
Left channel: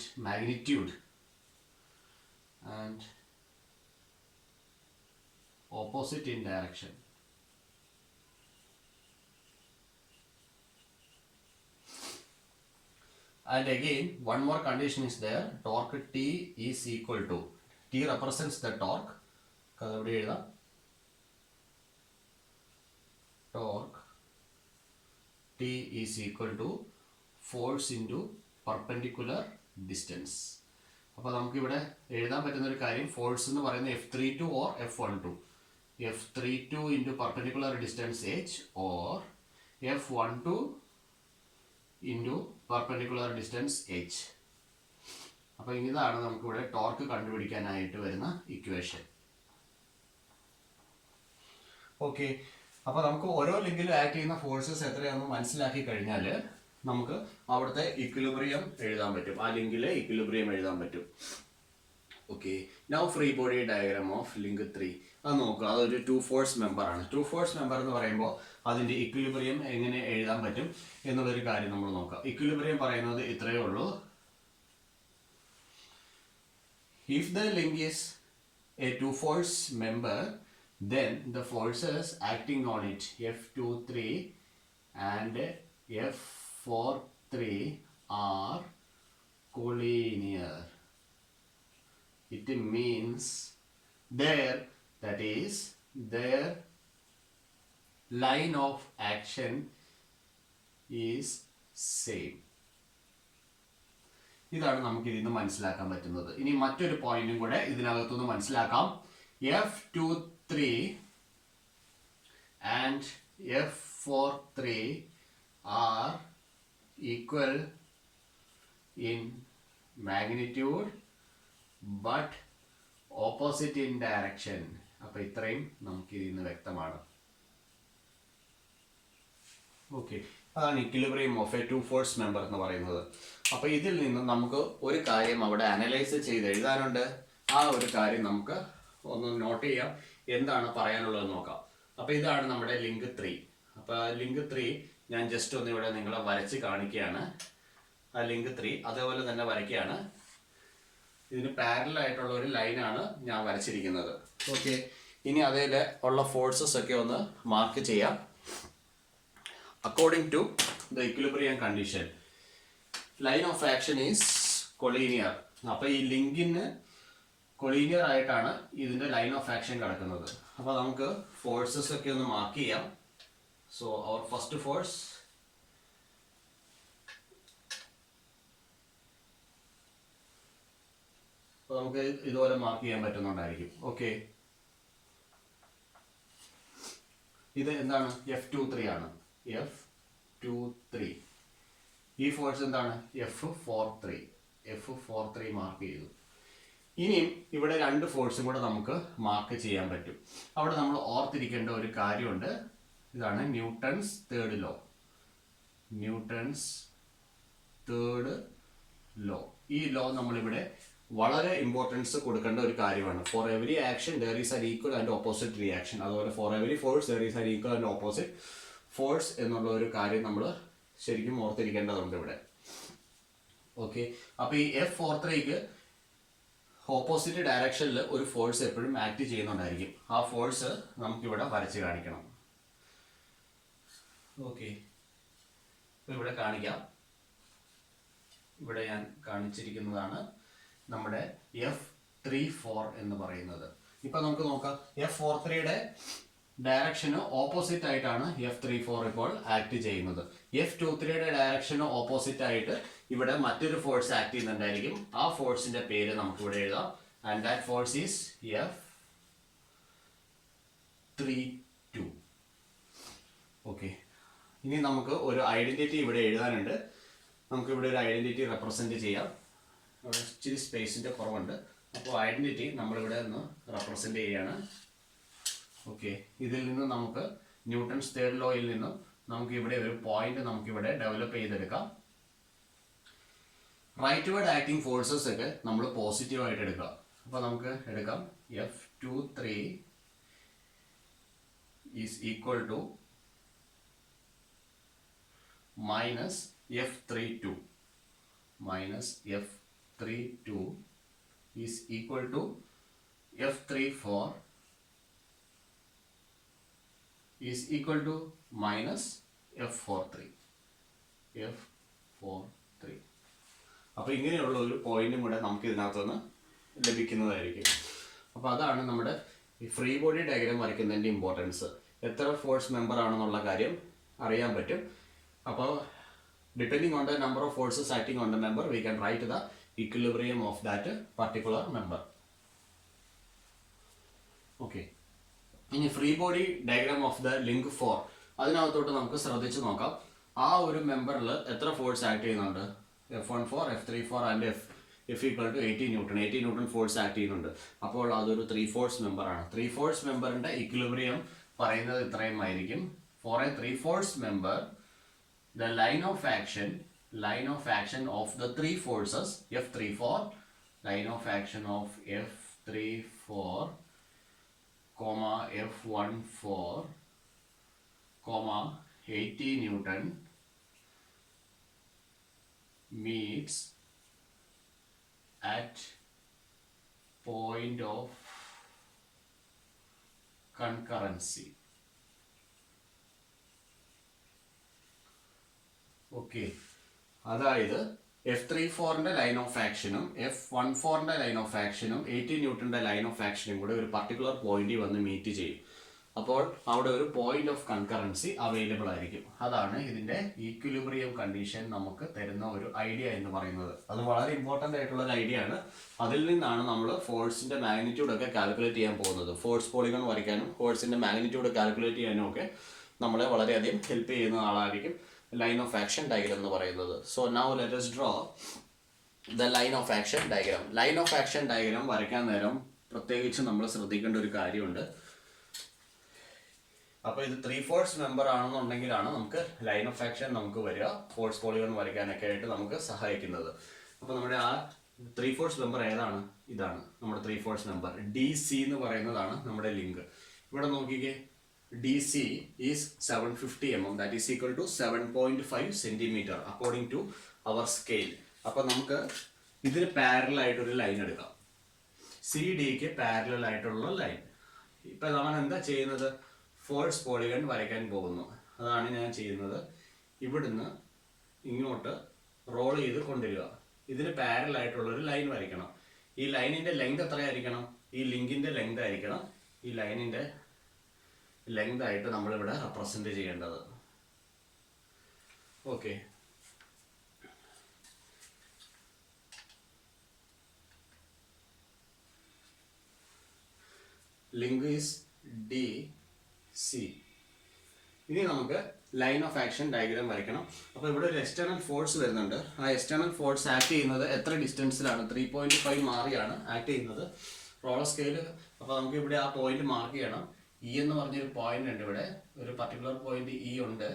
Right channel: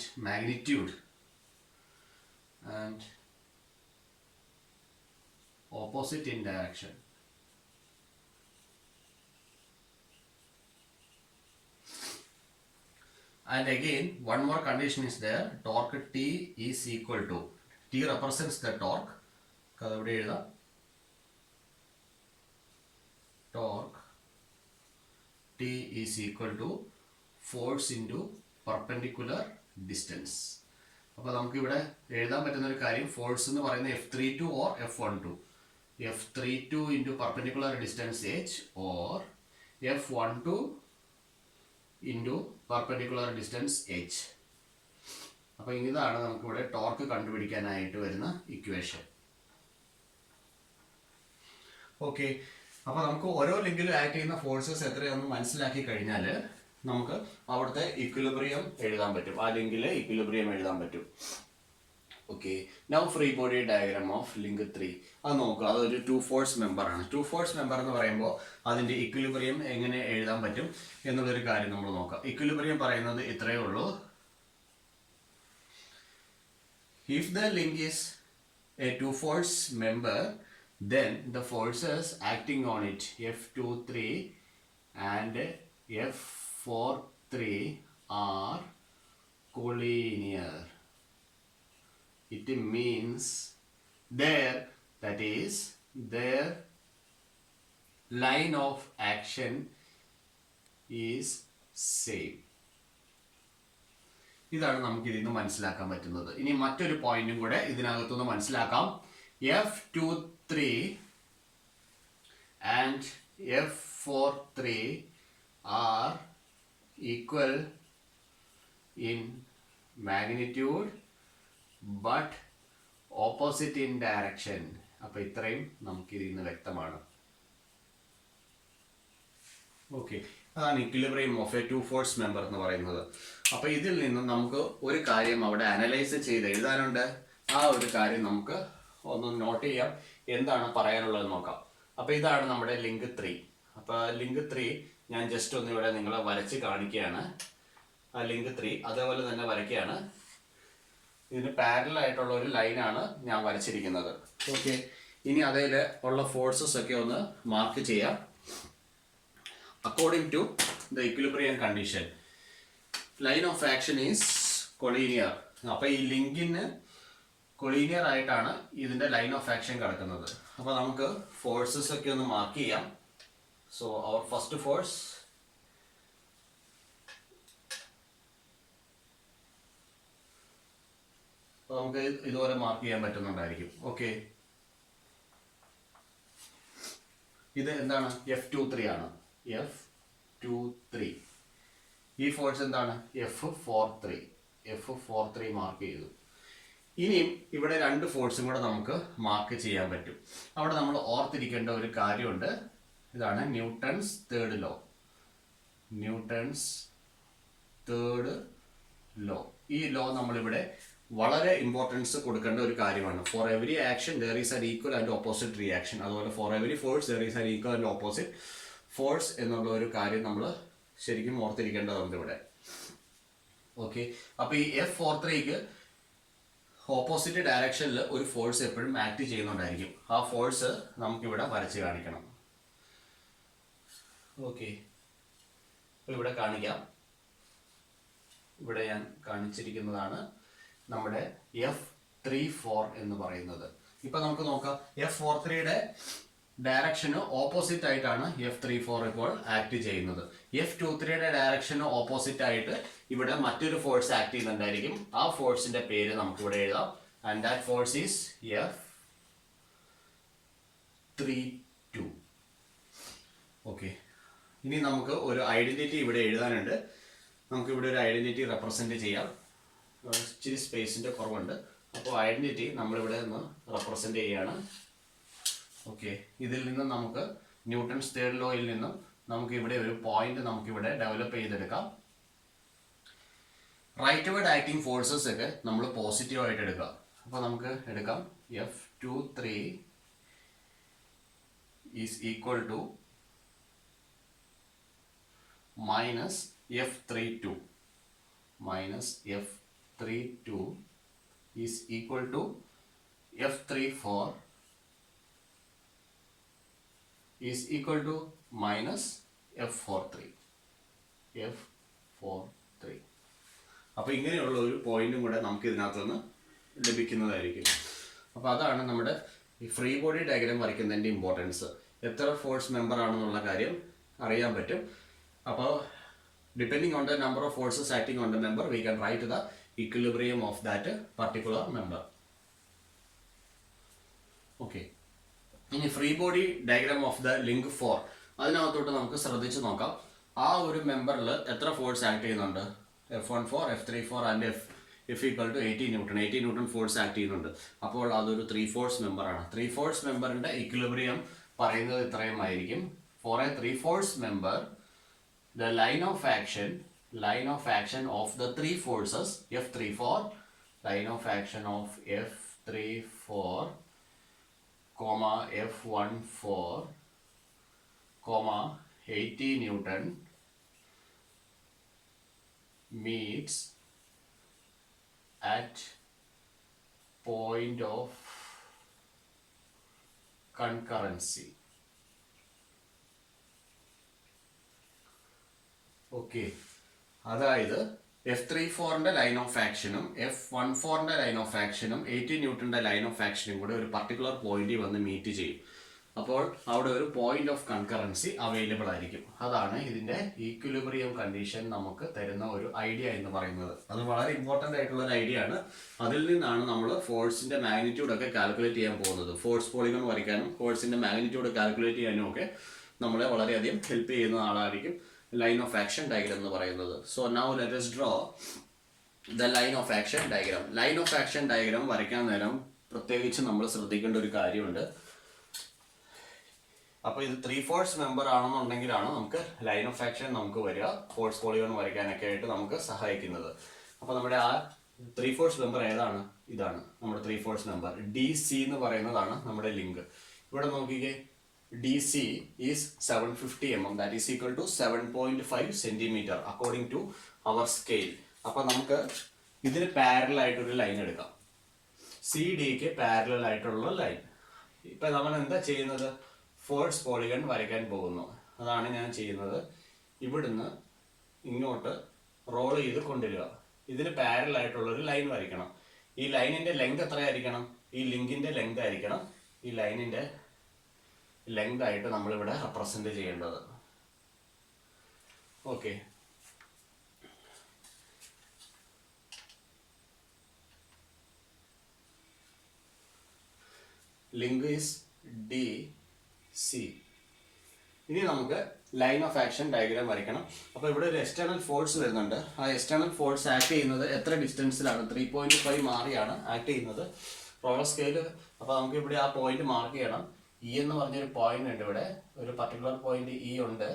opposite in direction. And again one more condition is there, torque T is equal to, T represents the torque, അതവിടെ എഴുതാം, torque T is equal to force into perpendicular distance. അപ്പോൾ നമുക്ക് ഇവിടെ എഴുതാൻ പറ്റുന്ന ഒരു കാര്യം, force എന്ന് പറയുന്നത് F32 or F12, F32 into perpendicular distance h or F12 into perpendicular distance h. അപ്പോൾ ഇതാണ് നമുക്കിവിടെ ടോർക്ക് കണ്ടുപിടിക്കാനായിട്ട് വരുന്ന ഇക്വേഷൻ. ഓക്കെ, അപ്പോൾ നമുക്ക് ഓരോ ലിങ്കിലും ആക്ട് ചെയ്യുന്ന ഫോഴ്സസ് എത്രയാണെന്ന് മനസ്സിലാക്കി കഴിഞ്ഞാൽ നമുക്ക് അവിടുത്തെ ഇക്വിലിബ്രിയം എഴുതാൻ പറ്റും, ആ ലിങ്കിലെ ഇക്വിലിബ്രിയം എഴുതാൻ പറ്റും. Okay, now free body diagram of link 3 അത് നോക്കുക. അതൊരു 2 ഫോഴ്സ് മെമ്പർ ആണ്. 2 ഫോഴ്സ് മെമ്പർ എന്ന് പറയുമ്പോൾ അതിൻ്റെ ഇക്വിലിബ്രിയം എങ്ങനെ എഴുതാൻ പറ്റും എന്നുള്ളൊരു കാര്യം നമ്മൾ നോക്കാം. ഇക്വിലിബ്രിയം പറയുന്നത് ഇത്രയേ ഉള്ളൂ. If the link is a 2 force member, then the forces acting on it, F23 and F43 are collinear. It means that is their line of action is same. ഇതാണ് നമുക്ക് ഇതിൽ നിന്ന് മനസ്സിലാക്കാൻ പറ്റുന്നത്. ഇനി മറ്റൊരു പോയിന്റും കൂടെ ഇതിനകത്തുനിന്ന് മനസ്സിലാക്കാം. F23 and F43 are equal in magnitude but opposite in direction. അപ്പോൾ ഇത്രയും നമുക്ക് ഇതിൽ നിന്ന് വ്യക്തമാണ്. ഓക്കെ, അതാണ് equilibrium of A 2 force member എന്ന് പറയുന്നത്. അപ്പോൾ ഇതിൽ നിന്ന് നമുക്ക് ഒരു കാര്യം അവിടെ അനലൈസ് ചെയ്ത് എഴുതാനുണ്ട്. ആ ഒരു കാര്യം നമുക്ക് ഒന്ന് നോട്ട് ചെയ്യാം, എന്താണ് പറയാനുള്ളത് നോക്കാം. അപ്പോൾ ഇതാണ് നമ്മുടെ ലിങ്ക് 3. അപ്പോൾ ലിങ്ക് 3 ഞാൻ ജസ്റ്റ് ഒന്ന് ഇവിടെ നിങ്ങളെ വരച്ച് കാണിക്കുകയാണ്. ആ ലിങ്ക് 3 അതേപോലെ തന്നെ വരയ്ക്കുകയാണ്. ഇതിന് പാരലൽ ആയിട്ടുള്ള ഒരു ലൈനാണ് ഞാൻ വരച്ചിരിക്കുന്നത്. ഓക്കെ, ഇനി അതിൽ ഉള്ള ഫോഴ്സസ് ഒക്കെ ഒന്ന് മാർക്ക് ചെയ്യാം. According to the equilibrium condition, line of action is collinear. അപ്പോൾ ഈ ലിങ്കിന് കൊളീനിയർ ആയിട്ടാണ് ഇതിൻ്റെ ലൈൻ ഓഫ് ആക്ഷൻ കിടക്കുന്നത്. അപ്പോൾ നമുക്ക് ഫോഴ്സസ് ഒക്കെ ഒന്ന് മാർക്ക് ചെയ്യാം. സോ അവർ ഫസ്റ്റ് ഫോഴ്സ്, നമുക്ക് ഇതുപോലെ മാർക്ക് ചെയ്യാൻ പറ്റുന്നുണ്ടായിരിക്കും. ഓക്കെ, ഇത് എന്താണ്? F23 ആണ്. F23. ഈ ഫോഴ്സ് എന്താണ്? F43 മാർക്ക് ചെയ്തു. ഇനിയും ഇവിടെ 2 ഫോഴ്സും കൂടെ നമുക്ക് മാർക്ക് ചെയ്യാൻ പറ്റും. അവിടെ നമ്മൾ ഓർത്തിരിക്കേണ്ട ഒരു കാര്യമുണ്ട്. ഇതാണ് ന്യൂട്ടൺസ് തേർഡ് ലോ. ഈ ലോ നമ്മളിവിടെ വളരെ ഇമ്പോർട്ടൻസ് കൊടുക്കേണ്ട ഒരു കാര്യമാണ്. For every action there is an equal and opposite reaction. അതുപോലെ for every force there is an equal and opposite force എന്നുള്ള ഒരു കാര്യം നമ്മൾ ശരിക്കും ഓർത്തിരിക്കേണ്ടതുണ്ട് ഇവിടെ. ഓക്കെ, അപ്പോൾ ഈ F43ക്ക് ഓപ്പോസിറ്റ് ഡയറക്ഷനിൽ ഒരു ഫോഴ്സ് എപ്പോഴും ആക്ട് ചെയ്യുന്നുണ്ടായിരിക്കും. ആ ഫോഴ്സ് നമുക്കിവിടെ വരച്ച് കാണിക്കണം. ഓക്കെ, അപ്പോൾ ഇവിടെ കാണിക്കാം. ഇവിടെ ഞാൻ കാണിച്ചിരിക്കുന്നതാണ് നമ്മുടെ F34 എന്ന് പറയുന്നത്. ഇപ്പം നമുക്ക് നോക്കാം, F43യുടെ ഡയറക്ഷന് ഓപ്പോസിറ്റ് ആയിട്ടാണ് F34 ഇപ്പോൾ ആക്ട് ചെയ്യുന്നത്. F23യുടെ ഡയറക്ഷന് ഓപ്പോസിറ്റ് ആയിട്ട് ഇവിടെ മറ്റൊരു ഫോഴ്സ് ആക്ട് ചെയ്യുന്നുണ്ടായിരിക്കും. ആ ഫോഴ്സിന്റെ പേര് നമുക്ക് ഇവിടെ എഴുതാം. And that force is F32. Okay, ഇനി നമുക്ക് ഒരു ഐഡന്റിറ്റി ഇവിടെ എഴുതാനുണ്ട്. നമുക്ക് ഇവിടെ ഒരു ഐഡന്റിറ്റി റെപ്രസെന്റ് ചെയ്യാം. ഇച്ചിരി സ്പേസിന്റെ കുറവുണ്ട്. അപ്പോൾ ഐഡന്റിറ്റി നമ്മളിവിടെ ഒന്ന് റെപ്രസെന്റ് ചെയ്യാണ്. ഓക്കെ, ഇതിൽ നിന്ന് നമുക്ക് ന്യൂട്ടൺസ് തേർഡ് ലോയിൽ നിന്നും നമുക്കിവിടെ ഒരു പോയിന്റ് നമുക്കിവിടെ ഡെവലപ്പ് ചെയ്തെടുക്കാം. റൈറ്റ് വേർഡ് ആക്ടിങ് ഫോഴ്സസ് ഒക്കെ നമ്മൾ പോസിറ്റീവ് ആയിട്ട് എടുക്കുക. അപ്പോൾ നമുക്ക് എടുക്കാം F23 is equal to minus F32 is equal to F34 is equal to minus F43. അപ്പോൾ ഇങ്ങനെയുള്ള ഒരു പോയിന്റും കൂടെ നമുക്ക് ഇതിനകത്തുനിന്ന് ലഭിക്കുന്നതായിരിക്കും. അപ്പോൾ അതാണ് നമ്മുടെ ഈ ഫ്രീ ബോഡി ഡയഗ്രാം വരയ്ക്കുന്നതിൻ്റെ ഇമ്പോർട്ടൻസ്. എത്ര ഫോഴ്സ് മെമ്പർ ആണെന്നുള്ള കാര്യം അറിയാൻ പറ്റും. അപ്പോൾ depending on the number of forces acting on the member we can write the equilibrium of that particular member. Okay, ഇനി free body diagram of the link 4 അതിനകത്തോട്ട് നമുക്ക് ശ്രദ്ധിച്ച് നോക്കാം. ആ ഒരു മെമ്പറിൽ എത്ര ഫോഴ്സ് ആക്ട് ചെയ്യുന്നുണ്ട്? F14, F34 and F equal to 80 newton. 80 newton force act ചെയ്യുന്നുണ്ട്. അപ്പോൾ അതൊരു 3 ഫോഴ്സ് മെമ്പറാണ്. 3 ഫോഴ്സ് മെമ്പറിൻ്റെ ഇക്വിലിബ്രിയം പറയുന്നത് ഇത്രയും ആയിരിക്കും. For a 3 force member the line of action of the 3 forces F34, line of action of F34, F14, 80 Newton meets at point of concurrency. Okay, അതായത് F34ന്റെ line of ആക്ഷനും F14ന്റെ line of ആക്ഷനും 80 ന്യൂട്ടന്റെ line of ആക്ഷനും കൂടെ ഒരു particular പോയിന്റിൽ വന്ന് meet ചെയ്യും. അപ്പോൾ അവിടെ ഒരു പോയിന്റ് ഓഫ് കൺകറൻസി അവൈലബിൾ ആയിരിക്കും. അതാണ് ഇതിന്റെ ഈക്വിലിബ്രിയം കണ്ടീഷൻ നമുക്ക് തരുന്ന ഒരു ഐഡിയ എന്ന് പറയുന്നത്. അത് വളരെ ഇമ്പോർട്ടൻ്റ് ആയിട്ടുള്ള ഒരു ഐഡിയ ആണ്. അതിൽ നിന്നാണ് നമ്മൾ ഫോഴ്സിന്റെ മാഗ്നിറ്റ്യൂഡ് ഒക്കെ കാൽക്കുലേറ്റ് ചെയ്യാൻ പോകുന്നത്. ഫോഴ്സ് പോളിഗൺ വരയ്ക്കാനും ഫോഴ്സിന്റെ മാഗ്നിറ്റ്യൂഡ് കാൽക്കുലേറ്റ് ചെയ്യാനും ഒക്കെ നമ്മളെ വളരെയധികം ഹെൽപ്പ് ചെയ്യുന്ന ആളായിരിക്കും ലൈൻ ഓഫ് ആക്ഷൻ ഡയഗ്രാം എന്ന് പറയുന്നത്. So now let us draw the line of action diagram. Line of action diagram വരയ്ക്കാൻ നേരം പ്രത്യേകിച്ച് നമ്മൾ ശ്രദ്ധിക്കേണ്ട ഒരു കാര്യമുണ്ട്. അപ്പോൾ ഇത് 3 ഫോഴ്സ് മെമ്പർ ആണെന്നുണ്ടെങ്കിലാണ് നമുക്ക് ലൈൻ ഓഫ് ആക്ഷൻ നമുക്ക് വരിക, ഫോഴ്സ് പോളിഗൺ വരയ്ക്കാനൊക്കെ ആയിട്ട് നമുക്ക് സഹായിക്കുന്നത്. അപ്പോൾ നമ്മുടെ ആ 3 ഫോഴ്സ് മെമ്പർ ഏതാണ്? ഇതാണ് നമ്മുടെ 3 ഫോഴ്സ് മെമ്പർ. DC എന്ന് പറയുന്നതാണ് നമ്മുടെ ലിങ്ക്. ഇവിടെ നോക്കിക്കേ, DC is 750 mm, that is equal to 7.5 centimeter according to our scale. അപ്പോൾ നമുക്ക് ഇതിന് പാരലൽ ആയിട്ടൊരു ലൈൻ എടുക്കാം. CDക്ക് പാരലൽ ആയിട്ടുള്ള ലൈൻ. ഇപ്പം നമ്മൾ എന്താ ചെയ്യുന്നത്? ഫോഴ്സ് പോളിഗൺ വരയ്ക്കാൻ പോകുന്നു. അതാണ് ഞാൻ ചെയ്യുന്നത്. ഇവിടുന്ന് ഇങ്ങോട്ട് റോൾ ചെയ്ത് കൊണ്ടുവരിക. ഇതിന് പാരലൽ ആയിട്ടുള്ളൊരു ലൈൻ വരയ്ക്കണം. ഈ ലൈനിൻ്റെ ലെങ്ത് എത്രയായിരിക്കണം? ഈ ലിങ്കിൻ്റെ ലെങ്ത് ആയിരിക്കണം ഈ ലൈനിൻ്റെ ലെങ്ത് ആയിട്ട് നമ്മളിവിടെ റെപ്രസെന്റ് ചെയ്യേണ്ടത്. Okay, link is DC. ഇനി നമുക്ക് ലൈൻ ഓഫ് ആക്ഷൻ ഡയഗ്രാം വരയ്ക്കണം. അപ്പോൾ ഇവിടെ ഒരു എക്സ്റ്റേണൽ ഫോഴ്സ് വരുന്നുണ്ട്. ആ എക്സ്റ്റേണൽ ഫോഴ്സ് ആക്ട് ചെയ്യുന്നത് എത്ര ഡിസ്റ്റൻസിലാണ്? 3.5 മാറിയാണ് ആക്ട് ചെയ്യുന്നത്. Roller scale. അപ്പോൾ നമുക്ക് ഇവിടെ ആ പോയിന്റ് മാർക്ക് ചെയ്യണം. E എന്ന് പറഞ്ഞൊരു പോയിന്റ് ഉണ്ട് ഇവിടെ, ഒരു പർട്ടിക്കുലർ പോയിന്റ് E ഉണ്ട്.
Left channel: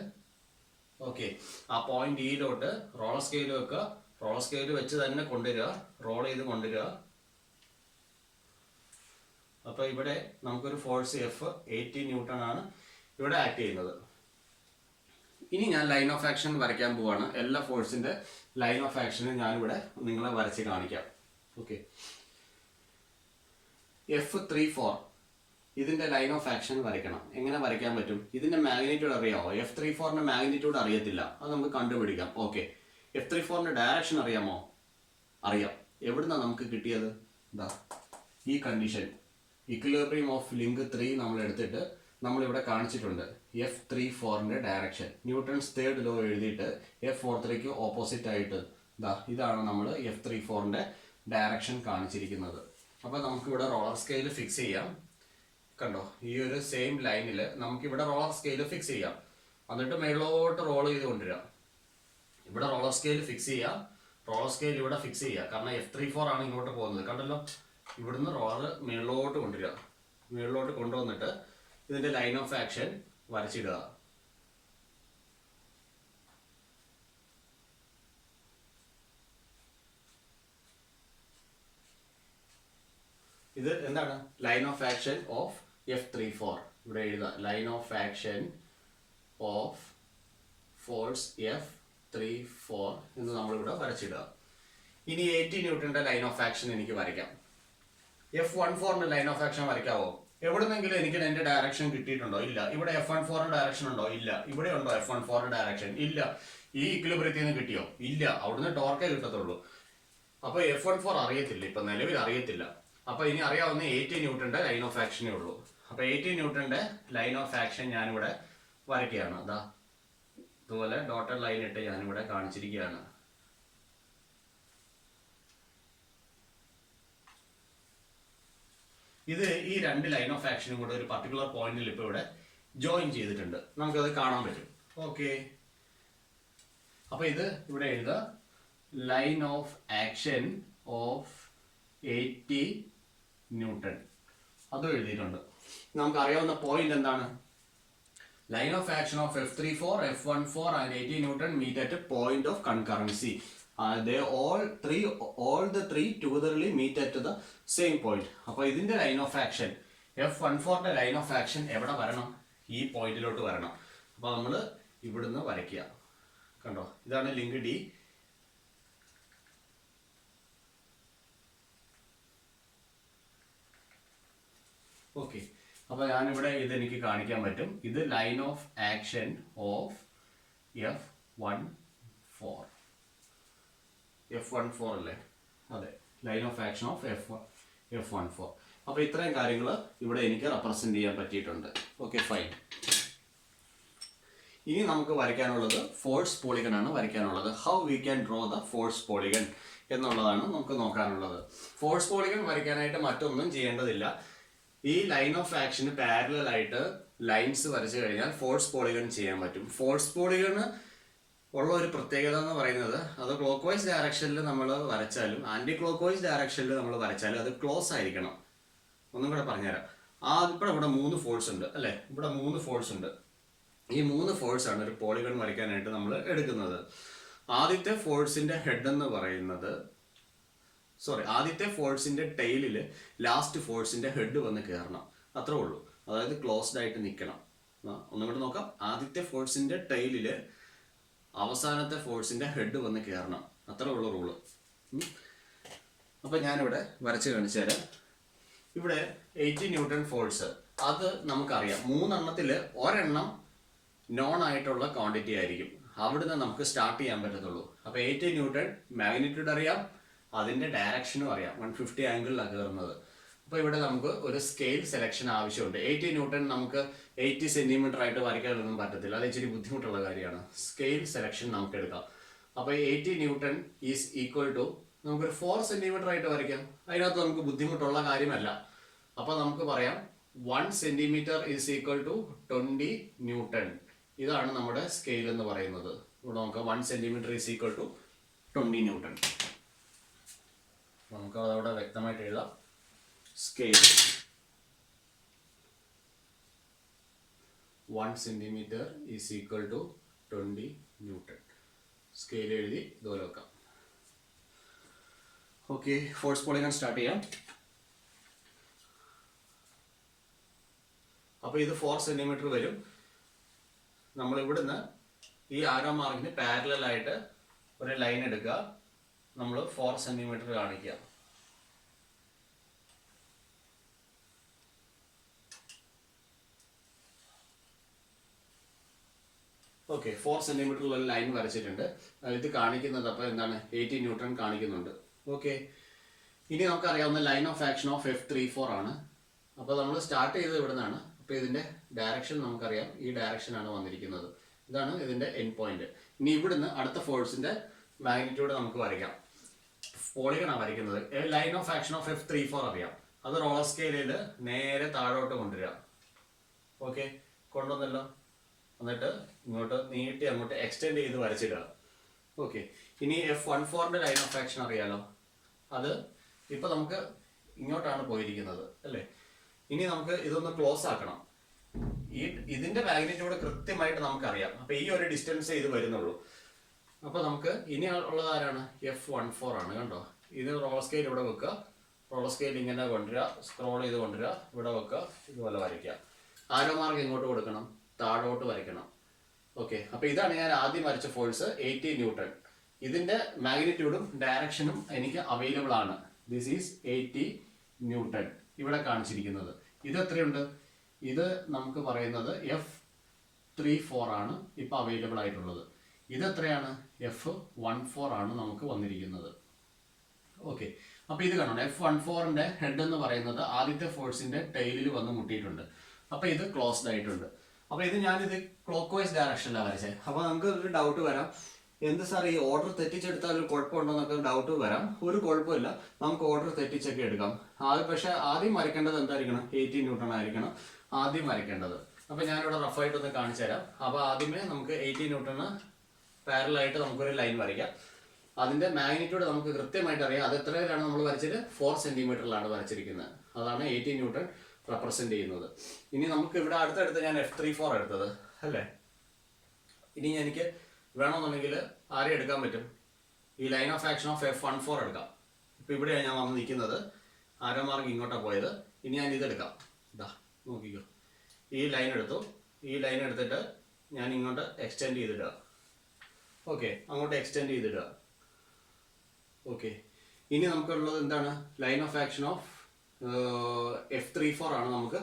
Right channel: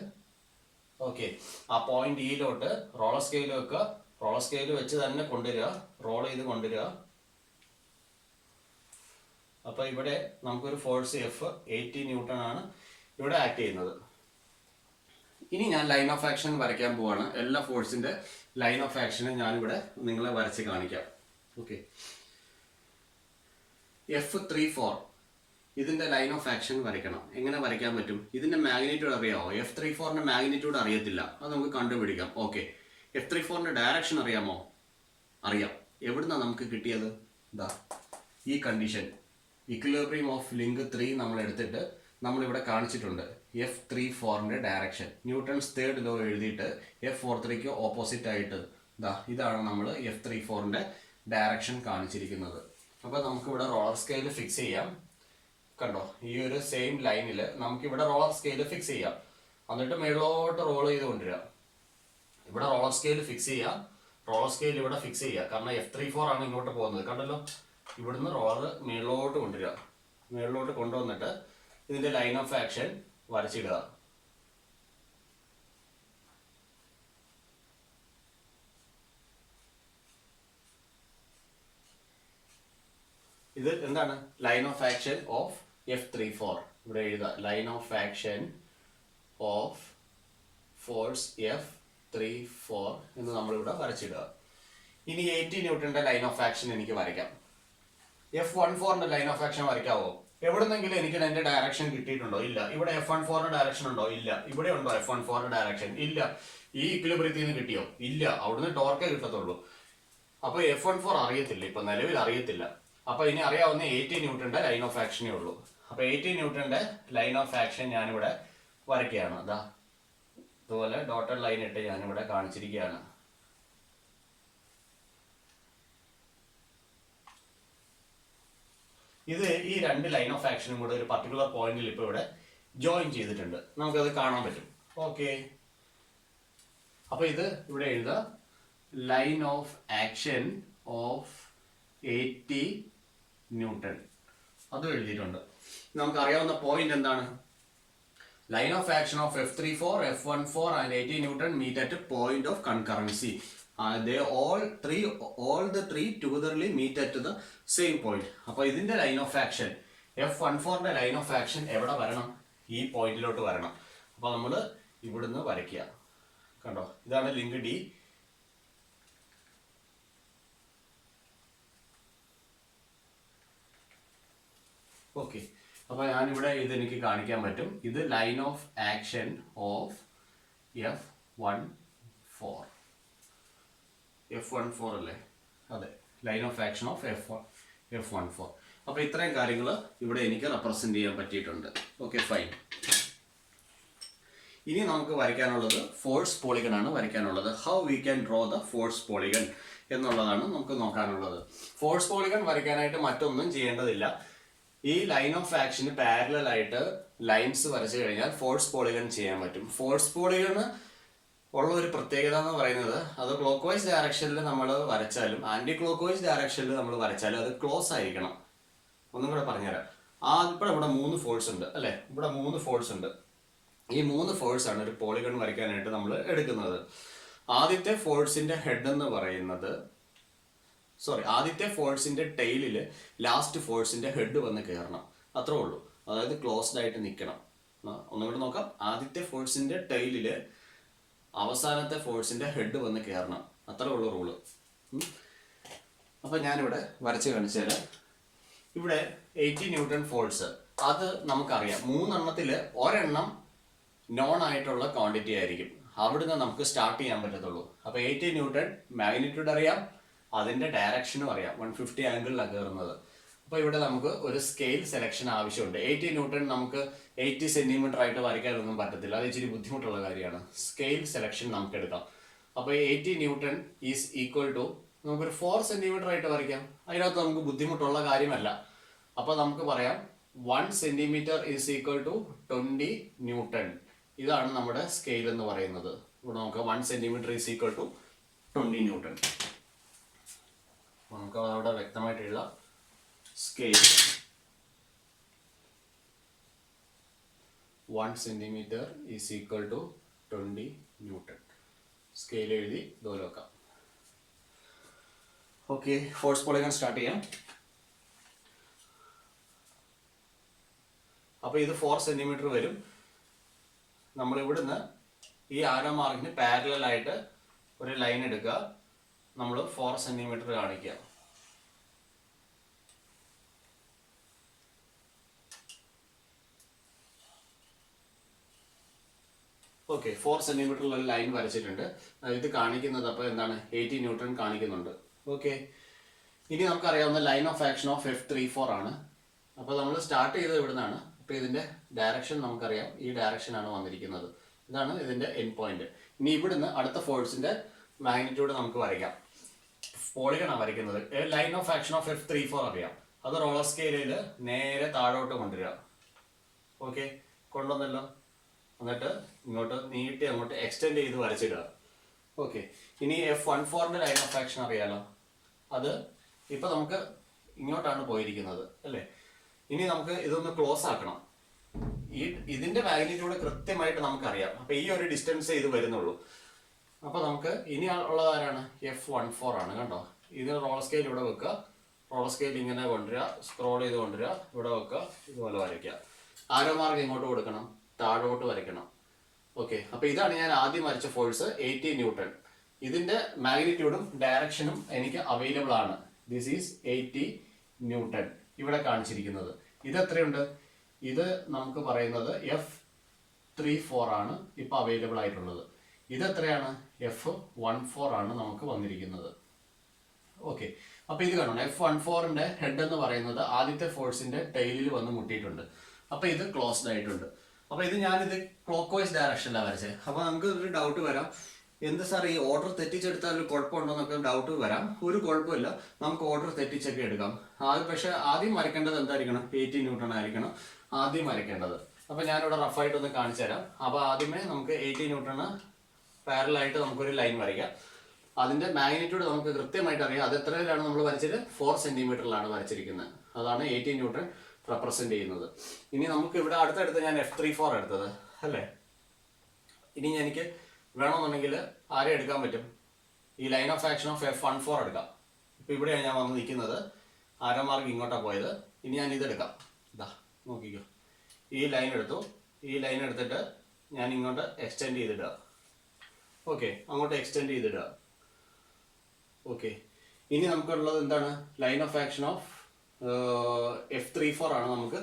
ഓക്കെ, ആ പോയിന്റ് ഇയിലോട്ട് റോളർ സ്കെയിൽ വെക്കുക. റോളർ സ്കെയിൽ വെച്ച് തന്നെ കൊണ്ടുവരിക, റോൾ ചെയ്ത് കൊണ്ടുവരിക. അപ്പോൾ ഇവിടെ നമുക്കൊരു ഫോഴ്സ് F80 ന്യൂട്ടൺ ആണ് ഇവിടെ ആക്ട് ചെയ്യുന്നത്. ഇനി ഞാൻ ലൈൻ ഓഫ് ആക്ഷൻ വരയ്ക്കാൻ പോവാണ്. എല്ലാ ഫോഴ്സിന്റെ ലൈൻ ഓഫ് ആക്ഷനും ഞാനിവിടെ നിങ്ങളെ വരച്ച് കാണിക്കാം. ഓക്കെ, F34 ഇതിന്റെ ലൈൻ ഓഫ് ആക്ഷൻ വരയ്ക്കണം. എങ്ങനെ വരയ്ക്കാൻ പറ്റും? ഇതിന്റെ മാഗ്നിറ്റ്യൂഡ് അറിയാമോ? F34ന്റെ മാഗ്നിറ്റ്യൂഡ് അറിയത്തില്ല, അത് നമുക്ക് കണ്ടുപിടിക്കാം. ഓക്കെ, F34ന്റെ ഡയറക്ഷൻ അറിയാമോ? അറിയാം. എവിടുന്നാണ് നമുക്ക് കിട്ടിയത്? ഇതാ ഈ കണ്ടീഷൻ, ഇക്വിലിബ്രിയം ഓഫ് ലിങ്ക് 3 നമ്മൾ എടുത്തിട്ട് നമ്മളിവിടെ കാണിച്ചിട്ടുണ്ട്. F34ന്റെ ഡയറക്ഷൻ ന്യൂട്ടൺസ് തേർഡ് ലോ എഴുതിയിട്ട് F43ക്ക് ഓപ്പോസിറ്റ് ആയിട്ട് ഇതാണ് നമ്മൾ F34ന്റെ ഡയറക്ഷൻ കാണിച്ചിരിക്കുന്നത്. അപ്പോൾ നമുക്കിവിടെ റോളർ സ്കെയിൽ ഫിക്സ് ചെയ്യാം. കണ്ടോ, ഈ ഒരു സെയിം ലൈനിൽ നമുക്കിവിടെ റോളർ സ്കെയിൽ ഫിക്സ് ചെയ്യാം. എന്നിട്ട് മേളിലോട്ട് റോൾ ചെയ്ത് കൊണ്ടുവരിക. ഇവിടെ റോളർ സ്കെയിൽ ഫിക്സ് ചെയ്യുക, റോളർ സ്കെയിൽ ഇവിടെ ഫിക്സ് ചെയ്യുക. കാരണം F34 ആണ് ഇങ്ങോട്ട് പോകുന്നത്. കണ്ടല്ലോ, ഇവിടുന്ന് റോളർ മേളിലോട്ട് കൊണ്ടുവരിക. മേളിലോട്ട് കൊണ്ടുവന്നിട്ട് ഇതിൻ്റെ ലൈൻ ഓഫ് ആക്ഷൻ വരച്ചിടുക. ഇത് എന്താണ്? Line of action of F34. ഇവിടെ എഴുതുക, line of action of force F34 എന്ന് നമ്മളിവിടെ വരച്ചിടുക. ഇനി 80 ന്യൂട്ടന്റെ ലൈൻ ഓഫ് ആക്ഷൻ എനിക്ക് വരയ്ക്കാം. F14ന്റെ ലൈൻ ഓഫ് ആക്ഷൻ വരയ്ക്കാവോ? എവിടെന്നെങ്കിലും എനിക്ക് എന്റെ ഡയറക്ഷൻ കിട്ടിയിട്ടുണ്ടോ? ഇല്ല. ഇവിടെ F14 ഡയറക്ഷൻ ഉണ്ടോ? ഇല്ല. ഇവിടെ ഉണ്ടോ F14 ഡയറക്ഷൻ? ഇല്ല. ഈ ഇക്വിലിബ്രിയത്തിൽ നിന്ന് കിട്ടിയോ? ഇല്ല. അവിടുന്ന് ടോർക്കേ കിട്ടത്തുള്ളൂ. അപ്പൊ F14 അറിയത്തില്ല, ഇപ്പൊ നിലവിൽ അറിയത്തില്ല. അപ്പൊ ഇനി അറിയാവുന്ന 80 ന്യൂട്ടന്റെ ലൈൻ ഓഫ് ആക്ഷനേ ഉള്ളൂ. അപ്പൊ 80 ന്യൂട്ടന്റെ ലൈൻ ഓഫ് ആക്ഷൻ ഞാനിവിടെ വരയ്ക്കുകയാണ്. അതാ ഇതുപോലെ ഡോട്ടഡ് ലൈൻ ഇട്ട് ഞാനിവിടെ കാണിച്ചിരിക്കുകയാണ്. ഇത് ഈ രണ്ട് ലൈൻ ഓഫ് ആക്ഷനും കൂടെ ഒരു പർട്ടിക്കുലർ പോയിന്റിൽ ഇപ്പോൾ ഇവിടെ ജോയിൻ ചെയ്തിട്ടുണ്ട്. നമുക്കത് കാണാൻ പറ്റും. ഓക്കെ, അപ്പൊ ഇത് ഇവിടെ എഴുതുക, line of action of 80 newton. അതും എഴുതിയിട്ടുണ്ട്. നമുക്കറിയാവുന്ന പോയിന്റ് എന്താണ്? Line of action of F34, F14 and 80 newton meet at point of concurrency. They all the three togetherly meet at the same point. അപ്പോൾ ഇതിന്റെ ലൈൻ ഓഫ് ആക്ഷൻ F14ന്റെ line of action എവിടെ വരണം? ഈ പോയിന്റിലോട്ട് വരണം. അപ്പോൾ നമ്മൾ ഇവിടുന്ന് വരയ്ക്കുക. കണ്ടോ, ഇതാണ് ലിങ്ക് D. ഓക്കെ, അപ്പോൾ ഞാനിവിടെ ഇത് എനിക്ക് കാണിക്കാൻ പറ്റും. ഇത് line of action of F14 അല്ലേ? അതെ, line of action of F14. അപ്പോൾ ഇത്രയും കാര്യങ്ങൾ ഇവിടെ എനിക്ക് റെപ്രസെന്റ് ചെയ്യാൻ പറ്റിയിട്ടുണ്ട്. Okay, fine. ഇനി നമുക്ക് വരയ്ക്കാനുള്ളത് ഫോഴ്സ് പോളിഗൺ ആണ് വരയ്ക്കാനുള്ളത്. How we can draw the force polygon എന്നുള്ളതാണ് നമുക്ക് നോക്കാനുള്ളത്. ഫോഴ്സ് പോളിഗൺ വരയ്ക്കാനായിട്ട് മറ്റൊന്നും ചെയ്യേണ്ടതില്ല. ഈ ലൈൻ ഓഫ് ആക്ഷന് പാരലൽ ആയിട്ട് ലൈൻസ് വരച്ചു കഴിഞ്ഞാൽ ഫോഴ്സ് പോളിഗൺ ചെയ്യാൻ പറ്റും. ഫോഴ്സ് പോളിഗണ് ഉള്ള ഒരു പ്രത്യേകത എന്ന് പറയുന്നത്, അത് ക്ലോക്ക് വൈസ് ഡയറക്ഷനിൽ നമ്മൾ വരച്ചാലും ആന്റി ക്ലോക്ക് വൈസ് ഡയറക്ഷനിൽ നമ്മൾ വരച്ചാലും അത് ക്ലോസ് ആയിരിക്കണം. ഒന്നും കൂടെ പറഞ്ഞുതരാം. ഇപ്പോൾ ഇവിടെ 3 ഫോഴ്സ് ഉണ്ട് അല്ലേ? ഇവിടെ 3 ഫോഴ്സ് ഉണ്ട്. ഈ 3 ഫോഴ്സ് ആണ് ഒരു പോളിഗൺ വരയ്ക്കാനായിട്ട് നമ്മൾ എടുക്കുന്നത്. ആദ്യത്തെ ഫോഴ്സിന്റെ ഹെഡ് എന്ന് പറയുന്നത്, ആദ്യത്തെ ഫോഴ്സിന്റെ ടെയിലിൽ ലാസ്റ്റ് ഫോഴ്സിന്റെ ഹെഡ് വന്ന് കയറണം. അത്രേ ഉള്ളൂ. അതായത് ക്ലോസ്ഡ് ആയിട്ട് നിൽക്കണം. ഒന്നും കൂടെ നോക്കാം. ആദ്യത്തെ ഫോഴ്സിന്റെ ടെയിലില് അവസാനത്തെ ഫോഴ്സിന്റെ ഹെഡ് വന്ന് കയറണം. അത്രേ ഉള്ളൂ റൂള്. അപ്പൊ ഞാനിവിടെ വരച്ച് കാണിച്ചാൽ, ഇവിടെ 80 ന്യൂട്ടൺ ഫോഴ്സ്, അത് നമുക്കറിയാം. 3 എണ്ണത്തിൽ ഒരെണ്ണം നോൺ ആയിട്ടുള്ള ക്വാണ്ടിറ്റി ആയിരിക്കും. അവിടുന്ന് നമുക്ക് സ്റ്റാർട്ട് ചെയ്യാൻ പറ്റത്തുള്ളൂ. അപ്പൊ 80 ന്യൂട്ടൺ മാഗ്നിറ്റ്യൂഡ് അറിയാം, അതിന്റെ ഡയറക്ഷനും അറിയാം. 150 ആംഗിളിലാണ് കയറുന്നത്. അപ്പോൾ ഇവിടെ നമുക്ക് ഒരു സ്കെയിൽ സെലക്ഷൻ ആവശ്യമുണ്ട്. 80 ന്യൂട്ടൺ നമുക്ക് 80 സെന്റിമീറ്റർ ആയിട്ട് വരയ്ക്കാനൊന്നും പറ്റത്തില്ല. അത് ഇച്ചിരി ബുദ്ധിമുട്ടുള്ള കാര്യമാണ്. സ്കെയിൽ സെലക്ഷൻ നമുക്ക് എടുക്കാം. അപ്പോൾ 80 ന്യൂട്ടൺ ഈസ് ഈക്വൽ ടു നമുക്കൊരു 4 സെന്റിമീറ്റർ ആയിട്ട് വരയ്ക്കാം. അതിനകത്ത് നമുക്ക് ബുദ്ധിമുട്ടുള്ള കാര്യമല്ല. അപ്പോൾ നമുക്ക് പറയാം 1 centimetre is equal to 20 newton. ഇതാണ് നമ്മുടെ സ്കെയിൽ എന്ന് പറയുന്നത്. ഇവിടെ നമുക്ക് 1 centimetre is equal to 20 newton. നമുക്ക് അതവിടെ വ്യക്തമായിട്ട് എഴുതാം. Scale 1 centimetre is equal to 20 newton. Scale എഴുതി ഇതുപോലെ വെക്കാം. ഓക്കെ, ഫോഴ്സ് പോളിഗൺ സ്റ്റാർട്ട് ചെയ്യാം. അപ്പോൾ ഇത് 4 സെന്റിമീറ്റർ വരും. നമ്മൾ ഇവിടുന്ന് ഈ ആരോ മാർക്കിന് പാരലൽ ആയിട്ട് ഒരു ലൈൻ എടുക്കുക. നമ്മൾ 4 സെന്റിമീറ്റർ കാണിക്കുക. ഓക്കെ, 4 സെന്റിമീറ്ററിൽ ഒരു ലൈൻ വരച്ചിട്ടുണ്ട്. ഇത് കാണിക്കുന്നത് അപ്പോൾ എന്താണ്? 80 ന്യൂട്ടൺ കാണിക്കുന്നുണ്ട്. ഓക്കെ, ഇനി നമുക്കറിയാവുന്ന line of action of F34 ആണ്. അപ്പോൾ നമ്മൾ സ്റ്റാർട്ട് ചെയ്തത് ഇവിടെ നിന്നാണ്. അപ്പോൾ ഇതിന്റെ ഡയറക്ഷൻ നമുക്കറിയാം. ഈ ഡയറക്ഷനാണ് വന്നിരിക്കുന്നത്. ഇതാണ് ഇതിന്റെ എൻഡ് പോയിന്റ്. ഇനി ഇവിടുന്ന് അടുത്ത ഫോഴ്സിന്റെ മാഗ്നിറ്റ്യൂഡ് നമുക്ക് വരയ്ക്കാം. പോളിഗണാണ് വരയ്ക്കുന്നത്. Line of action of F34 അറിയാം. അത് റോളർ സ്കെയിലിൽ നേരെ താഴോട്ട് കൊണ്ടുവരിക. ഓക്കെ, കൊണ്ടുവന്നല്ലോ. എന്നിട്ട് ഇങ്ങോട്ട് നീട്ടി അങ്ങോട്ട് എക്സ്റ്റെൻഡ് ചെയ്ത് വരച്ചിടുക. ഓക്കെ, ഇനി F14ന്റെ ലൈൻ ഓഫ് ആക്ഷൻ അറിയാലോ. അത് ഇപ്പൊ നമുക്ക് ഇങ്ങോട്ടാണ് പോയിരിക്കുന്നത് അല്ലേ? ഇനി നമുക്ക് ഇതൊന്ന് ക്ലോസ് ആക്കണം. ഇതിന്റെ മാഗ്നിറ്റ്യൂഡ് കൃത്യമായിട്ട് നമുക്കറിയാം. അപ്പൊ ഈ ഒരു ഡിസ്റ്റൻസ് ഇത് വരുന്നുള്ളൂ. അപ്പൊ നമുക്ക് ഇനി ഉള്ളത് ആരാണ്? F14 ആണ്. കണ്ടോ, ഇത് റോളർ സ്കെയിൽ ഇവിടെ വെക്കുക. റോളർ സ്കെയിൽ ഇങ്ങനെ കൊണ്ടുവരിക, സ്ക്രോൾ ചെയ്ത് കൊണ്ടുവരിക, ഇവിടെ വെക്കുക, ഇതുപോലെ വരയ്ക്കുക. ആരോ മാർക്ക് ഇങ്ങോട്ട് കൊടുക്കണം, താഴോട്ട് വരയ്ക്കണം. ഓക്കെ, അപ്പോൾ ഇതാണ് ഞാൻ ആദ്യം വരച്ച ഫോഴ്സ് 80 ന്യൂട്ടൺ. ഇതിന്റെ മാഗ്നിറ്റ്യൂഡും ഡയറക്ഷനും എനിക്ക് അവൈലബിൾ ആണ്. ദിസ് ഈസ് 80 ന്യൂട്ടൺ ഇവിടെ കാണിച്ചിരിക്കുന്നത്. ഇത് എത്രയുണ്ട്? ഇത് നമുക്ക് പറയുന്നത് F34 ആണ് ഇപ്പൊ അവൈലബിൾ ആയിട്ടുള്ളത്. ഇത് എത്രയാണ്? F14 ആണ് നമുക്ക് വന്നിരിക്കുന്നത്. ഓക്കെ, അപ്പൊ ഇത് കാണണം, F14ന്റെ ഹെഡ് എന്ന് പറയുന്നത് ആദ്യത്തെ ഫോഴ്സിന്റെ ടെയിലിൽ വന്ന് മുട്ടിയിട്ടുണ്ട്. അപ്പൊ ഇത് ക്ലോസ്ഡ് ആയിട്ടുണ്ട്. അപ്പൊ ഇത് ഞാനിത് ക്ലോക്ക് വൈസ് ഡയറക്ഷനിലാണ് വരച്ചത്. അപ്പൊ നമുക്ക് ഒരു ഡൗട്ട് വരാം, എന്ത് സാർ ഈ ഓർഡർ തെറ്റിച്ചെടുത്താൽ ഒരു കുഴപ്പമുണ്ടോ എന്നൊക്കെ ഡൗട്ട് വരാം. ഒരു കുഴപ്പമില്ല, നമുക്ക് ഓർഡർ തെറ്റിച്ചൊക്കെ എടുക്കാം. പക്ഷെ ആദ്യം വരയ്ക്കേണ്ടത് എന്തായിരിക്കണം? 80 ന്യൂട്ടൺ ആയിരിക്കണം ആദ്യം വരയ്ക്കേണ്ടത്. അപ്പൊ ഞാനിവിടെ റഫായിട്ടൊന്ന് കാണിച്ചു തരാം. അപ്പൊ ആദ്യമേ നമുക്ക് 80 ന്യൂട്ടണ് പാരലായിട്ട് നമുക്കൊരു ലൈൻ വരയ്ക്കാം. അതിന്റെ മാഗ്നിറ്റ്യൂഡ് നമുക്ക് കൃത്യമായിട്ട് അറിയാം. അത് എത്രയിലാണ് നമ്മൾ വരച്ചത്? 4 സെന്റിമീറ്ററിലാണ് വരച്ചിരിക്കുന്നത്. അതാണ് 80 ന്യൂട്ടൺ റെപ്രസെന്റ് ചെയ്യുന്നത്. ഇനി നമുക്ക് ഇവിടെ അടുത്തടുത്ത് ഞാൻ F34 എടുത്തത് അല്ലേ. ഇനി എനിക്ക് വേണമെന്നുണ്ടെങ്കിൽ ആരെ എടുക്കാൻ പറ്റും? ഈ line of action of F14 എടുക്കാം. ഇപ്പൊ ഇവിടെയാണ് ഞാൻ വന്ന് നിൽക്കുന്നത്, ആരോ മാർക്ക് ഇങ്ങോട്ടാണ് പോയത്. ഇനി ഞാൻ ഇതെടുക്കാം. ഇതാ നോക്കിക്കോ, ഈ ലൈൻ എടുത്തു. ഈ ലൈൻ എടുത്തിട്ട് ഞാൻ ഇങ്ങോട്ട് എക്സ്റ്റെൻഡ് ചെയ്തിടുക. ഓക്കെ, അങ്ങോട്ട് എക്സ്റ്റെൻഡ് ചെയ്തിടുക. ഓക്കെ, ഇനി നമുക്കുള്ളത് എന്താണ്? Line of action of F34 ആണ് നമുക്ക്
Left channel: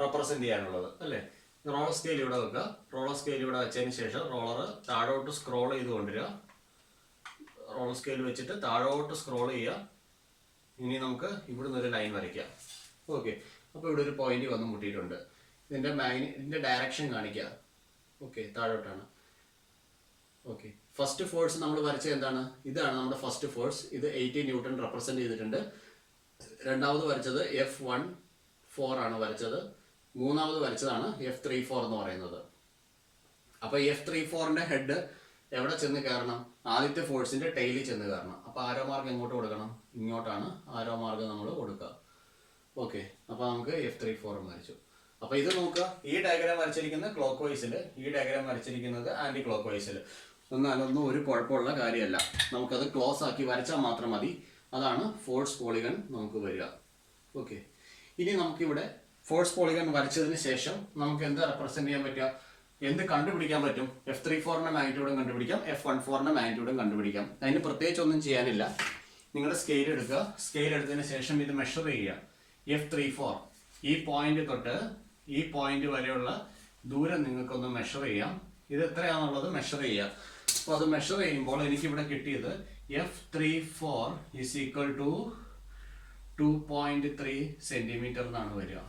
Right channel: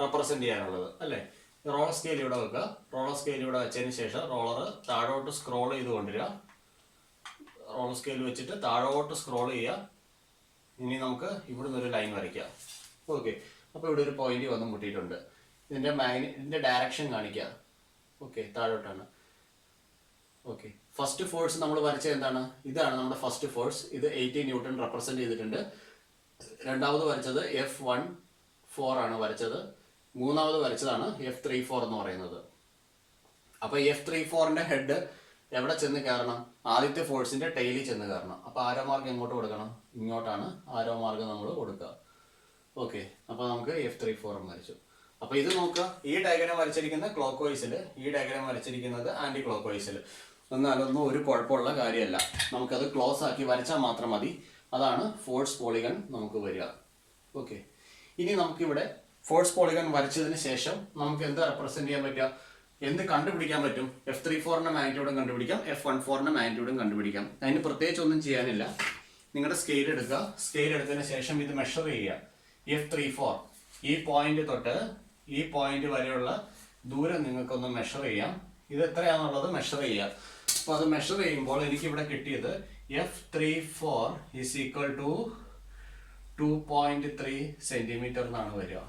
റെപ്രസെന്റ് ചെയ്യാനുള്ളത് അല്ലേ. റോളർ സ്കെയിൽ ഇവിടെ വെക്കുക. റോളർ സ്കെയിൽ ഇവിടെ വെച്ചതിന് ശേഷം റോളർ താഴോട്ട് സ്ക്രോൾ ചെയ്ത് കൊണ്ടുവരിക. റോളർ സ്കെയിൽ വെച്ചിട്ട് താഴോട്ട് സ്ക്രോൾ ചെയ്യുക. ഇനി നമുക്ക് ഇവിടുന്ന് ഒരു ലൈൻ വരയ്ക്കാം. ഓക്കെ, അപ്പോൾ ഇവിടെ ഒരു പോയിന്റ് വന്ന് മുട്ടിയിട്ടുണ്ട്. ഇതിന്റെ ഡയറക്ഷൻ കാണിക്കുക. ഓക്കെ, താഴോട്ടാണ്. ഓക്കെ, ഫസ്റ്റ് ഫോഴ്സ് നമ്മൾ വരച്ചത് എന്താണ്? ഇതാണ് നമ്മുടെ ഫസ്റ്റ് ഫോഴ്സ്. ഇത് 80 ന്യൂട്ടൺ റെപ്രസെന്റ് ചെയ്തിട്ടുണ്ട്. രണ്ടാമത് വരച്ചത് F14 ആണ് വരച്ചത്. മൂന്നാമത് വരച്ചതാണ് F34 എന്ന് പറയുന്നത്. അപ്പൊ F34ന്റെ ഹെഡ് എവിടെ ചെന്ന് കയറണം? ആദ്യത്തെ ഫോഴ്സിന്റെ ടെയിലിൽ ചെന്ന് കയറണം. അപ്പൊ ആരോ മാർക്ക് എങ്ങോട്ട് കൊടുക്കണം? ഇങ്ങോട്ടാണ് ആരോ മാർക്ക് നമ്മൾ കൊടുക്കുക. ഓക്കെ, അപ്പൊ നമുക്ക് F34 വരച്ചു. അപ്പൊ ഇത് നോക്കുക, ഈ ഡയഗ്രാം വരച്ചിരിക്കുന്നത് ക്ലോക്ക് വൈസിൽ, ഈ ഡയഗ്രാം വരച്ചിരിക്കുന്നത് ആന്റി ക്ലോക്ക് വൈസിൽ. അതൊന്നും ഒരു കുഴപ്പമുള്ള കാര്യമല്ല. നമുക്കത് ക്ലോസ് ആക്കി വരച്ചാൽ മാത്രം മതി. അതാണ് ഫോഴ്സ് പോളിഗൺ നമുക്ക് വരിക. ഓക്കെ, ഇനി നമുക്കിവിടെ ഫോഴ്സ് പോളിഗൺ വരച്ചതിന് ശേഷം നമുക്ക് എന്താ റെപ്രസെന്റ് ചെയ്യാൻ പറ്റുക? എന്ത് കണ്ടുപിടിക്കാൻ പറ്റും? F34ന്റെ മാഗ്നിറ്റ്യൂഡും കണ്ടുപിടിക്കാം, F14ന്റെ മാഗ്നിറ്റ്യൂഡും കണ്ടുപിടിക്കാം. അതിന് പ്രത്യേകിച്ച് ഒന്നും ചെയ്യാനില്ല. നിങ്ങളുടെ സ്കെയിൽ എടുക്കുക. സ്കെയിൽ എടുത്തതിന് ശേഷം ഇത് മെഷർ ചെയ്യുക. F34 ഈ പോയിന്റ് തൊട്ട് ഈ പോയിന്റ് വരെയുള്ള ദൂരം നിങ്ങൾക്കൊന്ന് മെഷർ ചെയ്യാം. ഇത് എത്രയാണെന്നുള്ളത് മെഷർ ചെയ്യാം. അപ്പോൾ അത് മെഷർ ചെയ്യുമ്പോൾ എനിക്കിവിടെ കിട്ടിയത് F34 is equal to 2.3 centimetre എന്നാണ് വരിക.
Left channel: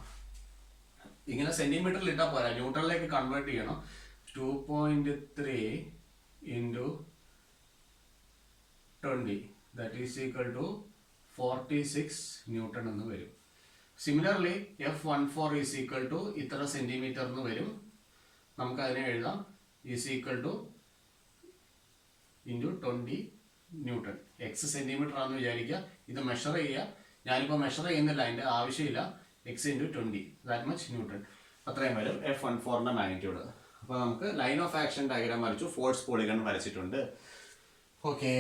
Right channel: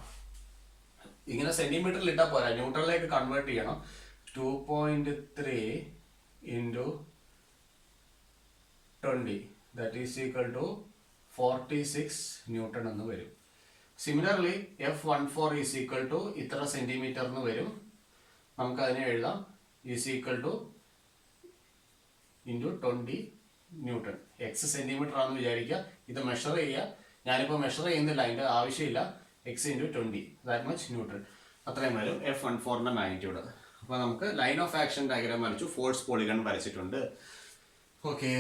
ഇങ്ങനെ സെന്റിമീറ്ററിൽ ഇട്ടാൽ പോരാ, ന്യൂട്ടണിലേക്ക് കൺവേർട്ട് ചെയ്യണം. 2.3 into 20 that is equal to 46 newton എന്ന് വരും. Similarly F14 is equal to ഇത്ര സെന്റിമീറ്റർ എന്ന് വരും. നമുക്കതിനെ എഴുതാം is equal to into 20 newton. X centimetre ആണെന്ന് വിചാരിക്കുക. ഇത് മെഷർ ചെയ്യുക. ഞാനിപ്പോൾ മെഷർ ചെയ്യുന്നില്ല, അതിൻ്റെ ആവശ്യമില്ല. X into 20 that much newton. അത്രയും വരും F14ന്റെ മാഗ്നിറ്റ്യൂഡ്. അപ്പോൾ നമുക്ക് ലൈൻ ഓഫ് ആക്ഷൻ ഡയഗ്രാം വരച്ചു, ഫോഴ്സ് പോളിഗൺ വരച്ചിട്ടുണ്ട്. ഓക്കെ,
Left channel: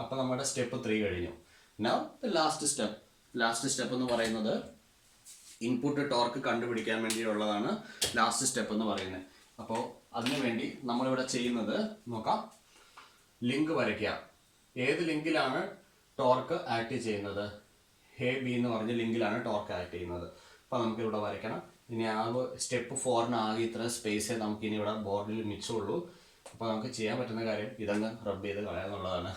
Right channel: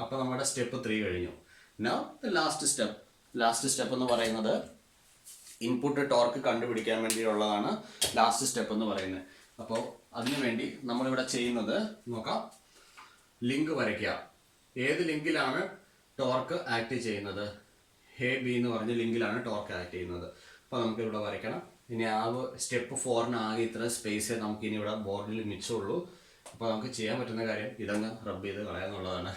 അപ്പോൾ നമ്മുടെ സ്റ്റെപ്പ് 3 കഴിഞ്ഞു. നൗ ലാസ്റ്റ് സ്റ്റെപ്പ് എന്ന് പറയുന്നത് ഇൻപുട്ട് ടോർക്ക് കണ്ടുപിടിക്കാൻ വേണ്ടിയുള്ളതാണ് ലാസ്റ്റ് സ്റ്റെപ്പ് എന്ന് പറയുന്നത്. അപ്പോൾ അതിനുവേണ്ടി നമ്മളിവിടെ ചെയ്യുന്നത് നോക്കാം. ലിങ്ക് വരയ്ക്കുക. ഏത് ലിങ്കിലാണ് ടോർക്ക് ആക്ട് ചെയ്യുന്നത്? എ ബി എന്ന് പറഞ്ഞ ലിങ്കിലാണ് ടോർക്ക് ആക്ട് ചെയ്യുന്നത്. അപ്പോൾ നമുക്ക് ഇവിടെ വരയ്ക്കണം. ഇനി സ്റ്റെപ്പ് 4ന് ആകെ ഇത്ര സ്പേസേ നമുക്ക് ഇനി ഇവിടെ ബോർഡിൽ മിച്ചമുള്ളൂ. അപ്പോൾ നമുക്ക് ചെയ്യാൻ പറ്റുന്ന കാര്യം ഇതങ്ങ് റബ്ബ് ചെയ്ത് കളയാന്നുള്ളതാണ്.